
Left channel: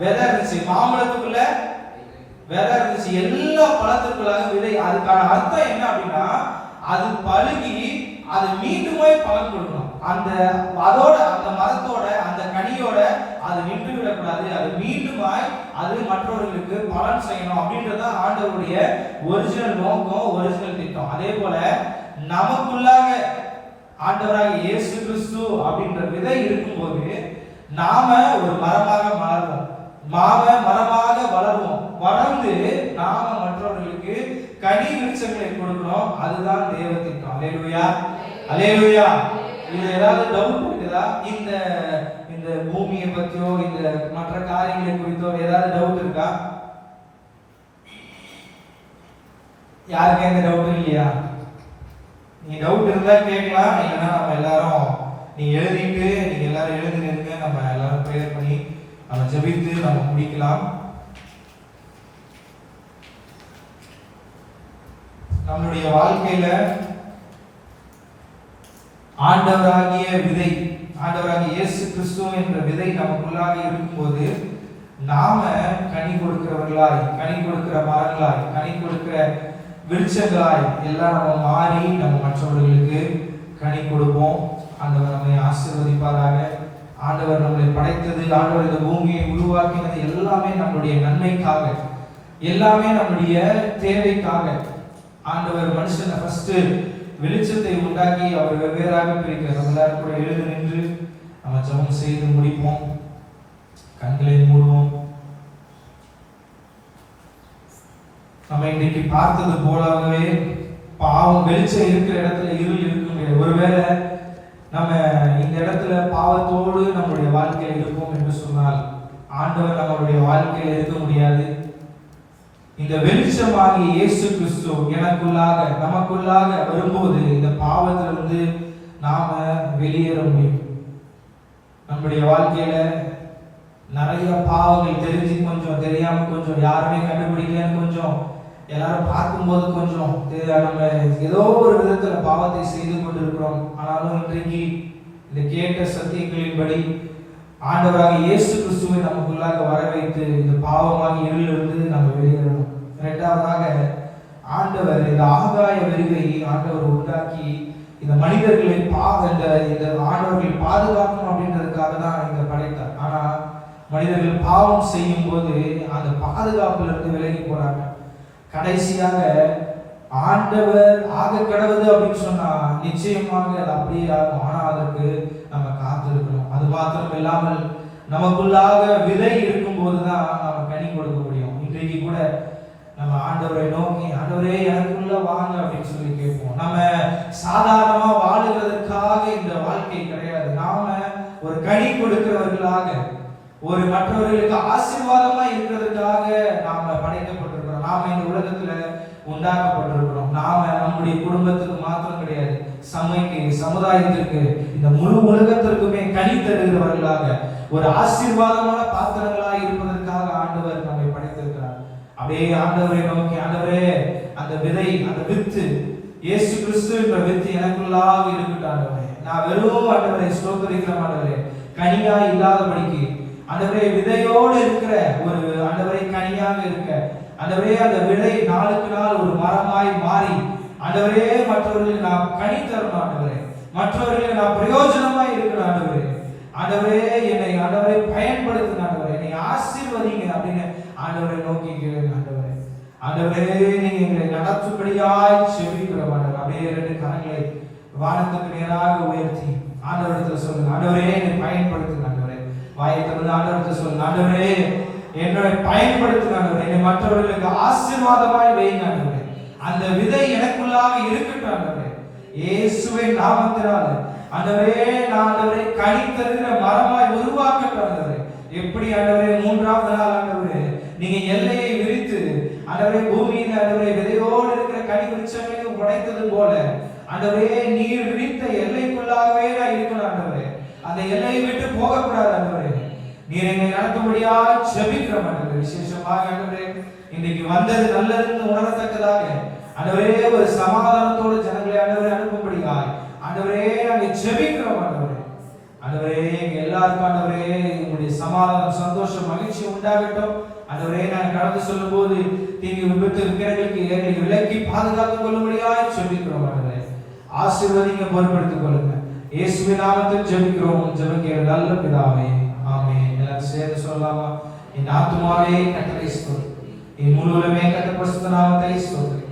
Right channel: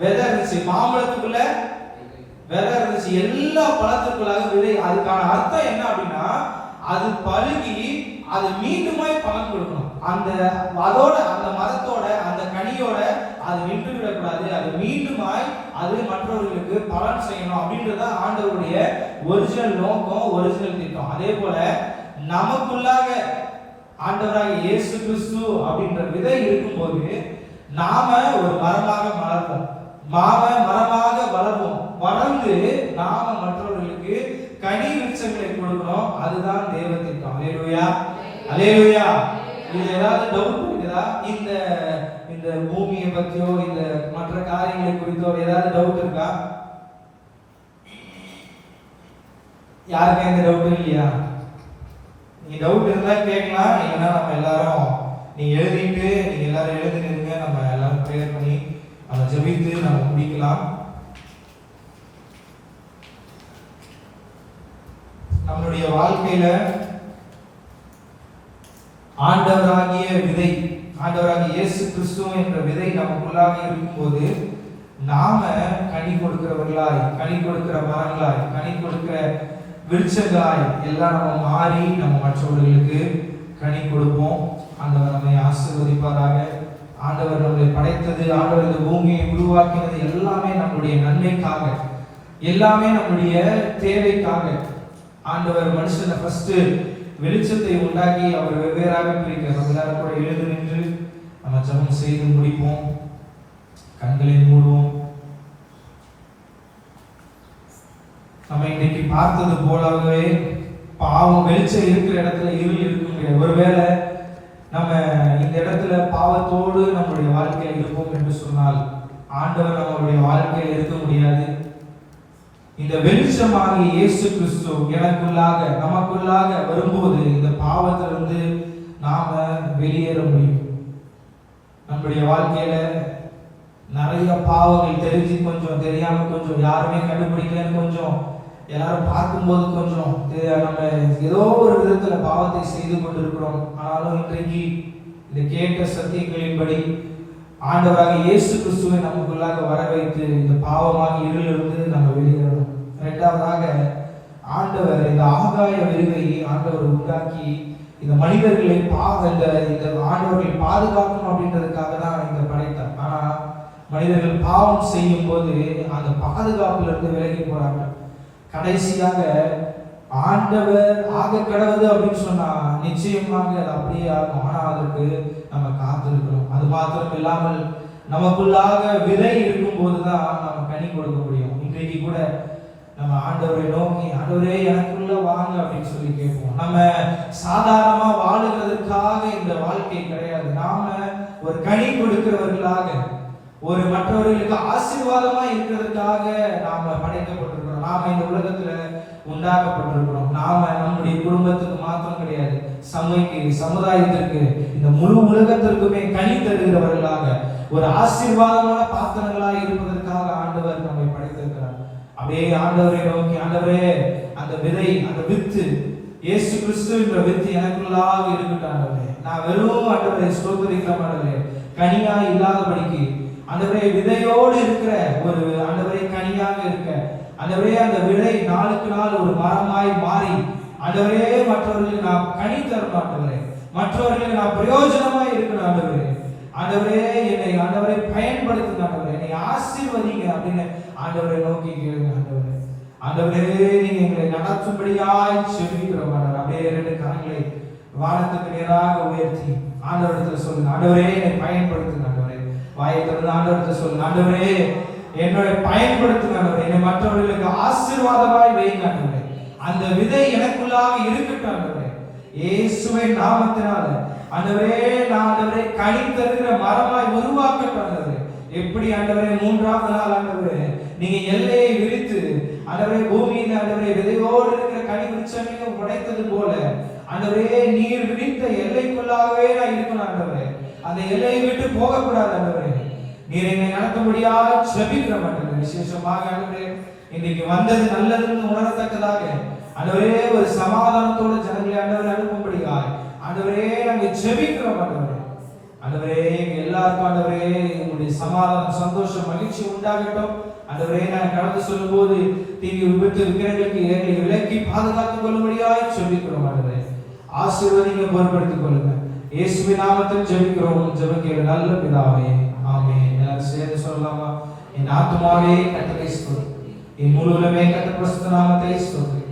விதை இருந்துச்சு. மாம்பழத்துக்குள்ள விதை இருந்துச்சு. எல்லா பழத்துக்குள்ளாக விதை. அதுக்கான அர்த்தம் என்ன அப்படின்னா அது பழுகி அது மீண்டுமாய் பலன் கொடுக்கணும். அதோட அந்த மரத்தோட அந்த கனியோட அது நின்று விடக்கூடாது. அது மீண்டுமாய் அது மற்றவர்களுக்கு பலன் செய்யணும் அப்படின்றத ஆண்டவருடைய ஒரிஜினல் நோக்கம், ஒரிஜினல் திட்டம். அதே போல நமக்குள்ளாக ஆண்டவராக இயேசு கிறிஸ்து அப்படின்ற விதை இருக்கும்போது நாம ஒரு மரமாக மலர்வோம், மரமாக வளர்வோம். வளர்ந்து நாம மற்றவர்களுக்கு கனி விருட்சங்களை கொடுக்கணும். அதுதான் தேவ திட்டம். அல்லேலூயா. அல்லேலூயா. இது ஏதாவது டவுட் இருக்குதா? இந்த பூமியை பத்தியோ இந்த மற்ற காரியங்களை குறித்தோ ஏதாவது டவுட் இருக்கா? யாருக்கு எந்த டவுட் இல்லையா? நீ டவுட் இருந்தா கேட்கலாம். இல்லைன்னா நம்ம எல்லாரும் நீங்க எல்லாரும் எழுதுங்க. நம்ம எல்லாரும் ப்ரேயர் பண்ணி நம்ம ஜெபித்து நம்ம முடிக்கலாம். நம்மளுடைய வாழ்க்கையில ஆண்டவராகிய விதை, ஆண்டவராகிய இயேசு கிறிஸ்து என்ற விதை நமக்குள்ளாக இருக்கும்போது நாம கனி கொடுக்கிறவர்களாய், கனி கொடுக்கிற மரங்களாய், கனி கொடுக்கிற விருட்சங்களாய் எல்லாம் நம்ம மாறி நம்ம மற்றவர்களுக்கு கனி கொடுப்போம். ஆண்டவர் நம்மை ஆசீர்வதிப்பாராக. ஆண்டவர் நம்மளை படைத்தது, ஆண்டவர் இந்த பூமியை உருவாக்கினது எல்லாமே நம்முடைய நன்மைக்காக, எல்லாமே நம்முடைய தேவைக்காக. ஆண்டவர் மனுஷனை ஃபர்ஸ்ட் வெளிச்சத்தை உண்டாக்கி அவர் வெவ்வேறாக பிரிக்கிறார். நம்ம எல்லாரும் கூட எழுந்து நின்று நம்ம ஜெபம் செய்து முடிப்போம். கண்களை மூடுவோம். நம்ம இன்னைக்கு பார்த்தது போலவே பாவம் வெளிச்சம் இருக்கிற இடத்துல இருள் இருக்க முடியாது. ஒருவேளை நம்ம இந்த இடத்துல பாவத்தோடு நம்முடைய வாழ்க்கையில் இருப்போம் என்று சொன்னால் ஆண்டவர் நம்மளுடைய வாழ்க்கையில் இருக்க முடியாது. இந்த வெளிச்சமாகி இயேசு கிறிஸ்து எனக்குள்ளாக நமக்குள்ளாக வரும்போது இந்த பாவத்திலிருந்து நாம வெளியேற முடியும். நம்முடைய வாழ்க்கையில நிறைய பாவங்கள் தெரிஞ்சு கொஞ்சம், தெரியாம கொஞ்சம், யாருமே கண்டுபிடிக்கலன்னு கொஞ்சம், எல்லாரும் பார்க்கும்போது கொஞ்சம் நம்ம ஏதோ ஒரு விதத்துல பாவத்தை செய்து கொண்டிருக்கிறோம். ஆனாலும் இன்றைக்கு இந்த கேட்ட சத்தியங்களின்படி ஆண்டவராக இயேசு கிறிஸ்துவை நமக்குள்ளாக வர வைத்து இந்த பாவமாக இருளிலிருந்து நம்ம வெளியேறணும். இரண்டாவதாக ஆண்டவர் இந்த ஆகாய விரிவையை ஆண்டவர் உண்டாக்கி இந்த மனிதர்களை இந்த ஆண்டவர்களை பாதுகாக்கணும் அப்படின்றதுக்காக தான் இந்த படைத்தார். ஆனா மனிதர்கள் பாவம் செய்யும் போது அந்த பாதுகாப்புல இருந்து விலகி போறாங்க. கடைசியாக ஆண்டவர் ஆக கடவுது அப்படின்னு சொன்னா நிச்சயமாக அது அப்படியே ஆகும். ஆனா அதற்கு நம்ம காத்திருக்கணும். அது மாத்திரம் இல்லாமல் நமக்குள்ளாக விதை இருக்கும் போதுதான் நம்ம கனி கொடுக்க முடியும். இன்றைக்கு கூட நம்ம ஆண்டவரை நோக்கி, ஆண்டவரே எனக்குள்ள வாங்க அப்படின்னு சொல்லி கேட்போம். நம்ம சாதாரணமா வாழுகிறதுக்காக இந்த வாழ்க்கை கிடையாது. நாம ஒரு கனி கொடுக்கிறவர்களாக, ஒரு மற்றவர்களுக்கு ஆசீர்வாதமா இருக்கிறதுக்காக நாம படைக்கப்பட்டிருக்கிறோம். நாம இந்த உலகத்துல உண்டாக்கப்பட்டிருக்கிறோம். நாம நம்முடைய குடும்பத்துக்கு மாத்திரம் கிடையாது, சபைக்கு, சமுதாயத்திற்கு, இந்த முழு உலகத்திற்குமே கனி தருகிறவர்களாக, ஒரு ஆசீர்வாதமான பாத்திரங்களாக இருப்பதற்காக ஆண்டவர் நம்மை படைத்திருக்கிறார். அப்படியே ஆண்டவரை நோக்கி, ஆண்டவரே அந்த விதை, அந்த வித்து, இயேசு கிறிஸ்து என்ற வித்து எனக்குள்ளாக இருக்கட்டும் ஆண்டவரே. நான் வெறும் ஆண்டவரை ஸ்தோத்திரிக்கிற ஆண்டவரே, கனியாய் இல்லாதபடிக்கு ஆண்டவரே விதையோடு இருக்கிற ஒரு ஆண்டவரை கனியாக இருக்க, ஆண்டவரே அந்த விதை நாளுக்கு நாள் ஒரு மரமாய் மாறி ஆண்டவரே மற்றவர்களுக்கு நான் கனி தரணும் ஆண்டவரே, மற்றவர்களுக்கு நான் பிரயோஜனமாய் இருக்கணும் ஆண்டவரே. ஆண்டவரே என்னை ஆண்டவரை பயன்படுத்துங்க ஆண்டவரே, என்னை ஆசீர்வதிங்க அப்படின்னு ஆண்டவரை நோக்கி கேளுங்க ஆண்டவரே. ஆண்டவரே நீங்க எங்களை நடத்தும்படியாய் செபிக்கிறோம் ஆண்டவரே. அப்படியே இரண்டு கரங்களை வானத்துக்கு நேராக உயர்த்தி ஆண்டவரிடத்துல சொல்லுங்க, ஆண்டவரே என்னை பயன்படுத்துங்க ஆண்டவரே. வாயை திறந்து ஆண்டவரிடத்துல சொல்லுங்க, ஆண்டவரே என்னை பயன்படுத்துங்க ஆண்டவரே, என்னை மற்றவர்களுக்கு ஆசீர்வாதமாய் வைங்க ஆண்டவரே. அந்த விதை எனக்குள்ளாக இருக்கட்டும் ஆண்டவரே. இயேசுவின் நாமத்தினால ஆண்டவரே நான் ஆண்டவரே கனி தருகிற மரமாய் உருவாக்கட்டும் ஆண்டவரே. எப்படி ஆண்டவரே மூன்றாவது நாள் ஆண்டவரே நீங்க எல்லையை விரித்து ஆண்டவரே பூமியில ஆண்டவரே விதையோடு இருக்கிற கனி விருட்சங்களை உடைத்தது போல ஆண்டவரே நீர் விரித்த எல்லைக்குள்ளாகவே நான் இருக்கணும் ஆண்டவரே. அந்த எல்லையை விட்டு போகக்கூடாது ஆண்டவரே. நீர் என்னை நடத்தும்படியாக ஜெபிக்கிறோம் ஆண்டவரே. விசேஷமாக ஆண்டவரே இன்னைக்கு வந்தது நல்லதுன்னு உணரத்தக்கதாக ஆண்டவரே ஒரு சமாதானத்தோட ஜனங்களை ஆண்டவரே அனுப்பும்படியாக ஆண்டவரே நாங்க ஜெபிக்கிறோம் ஆண்டவரே. ஆண்டவரே எல்லாருக்கும் ஆண்டவரே உங்களுடைய சமாதானம், சந்தோஷம், மகிழ்ச்சி உண்டாகட்டும் ஆண்டவரே. நாங்கள் கடந்து சொல்லும் போது தீங்கு விபத்து இருக்கிறவர்களுக்கு எங்களை விலக்கி பாதுகாத்துக் கொள்ளும்படியாக ஜெபிக்கிறோம் ஆண்டவரே. ஆசீர்வதிங்க, பொறுப்படுத்திக் கொள்ளுங்க. இயேசுவின் நாமத்தில் ஜெபிக்கிறோம், ஜெபிக்கிற நல்ல பிதாவே, ஆமென். எல்லாரும் சேர்ந்து சொல்லலாமா? என் ஆத்துமாவே கர்த்தரை ஸ்தோத்திரி, என் முழு உலகமே கர்த்தர் பரிசுத்த நாமத்தை ஸ்தோத்திரி.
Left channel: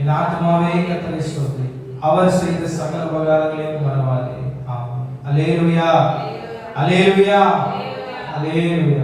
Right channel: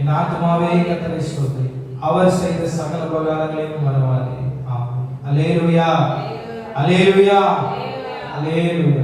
என் ஆத்துமாவே கர்த்தரை ஸ்தோத்திரி, அவர் செய்த சகல உபகாரங்களையும் மறவாதே. ஆமென். அல்லேலூயா, அல்லேலூயா, அல்லேலூயா.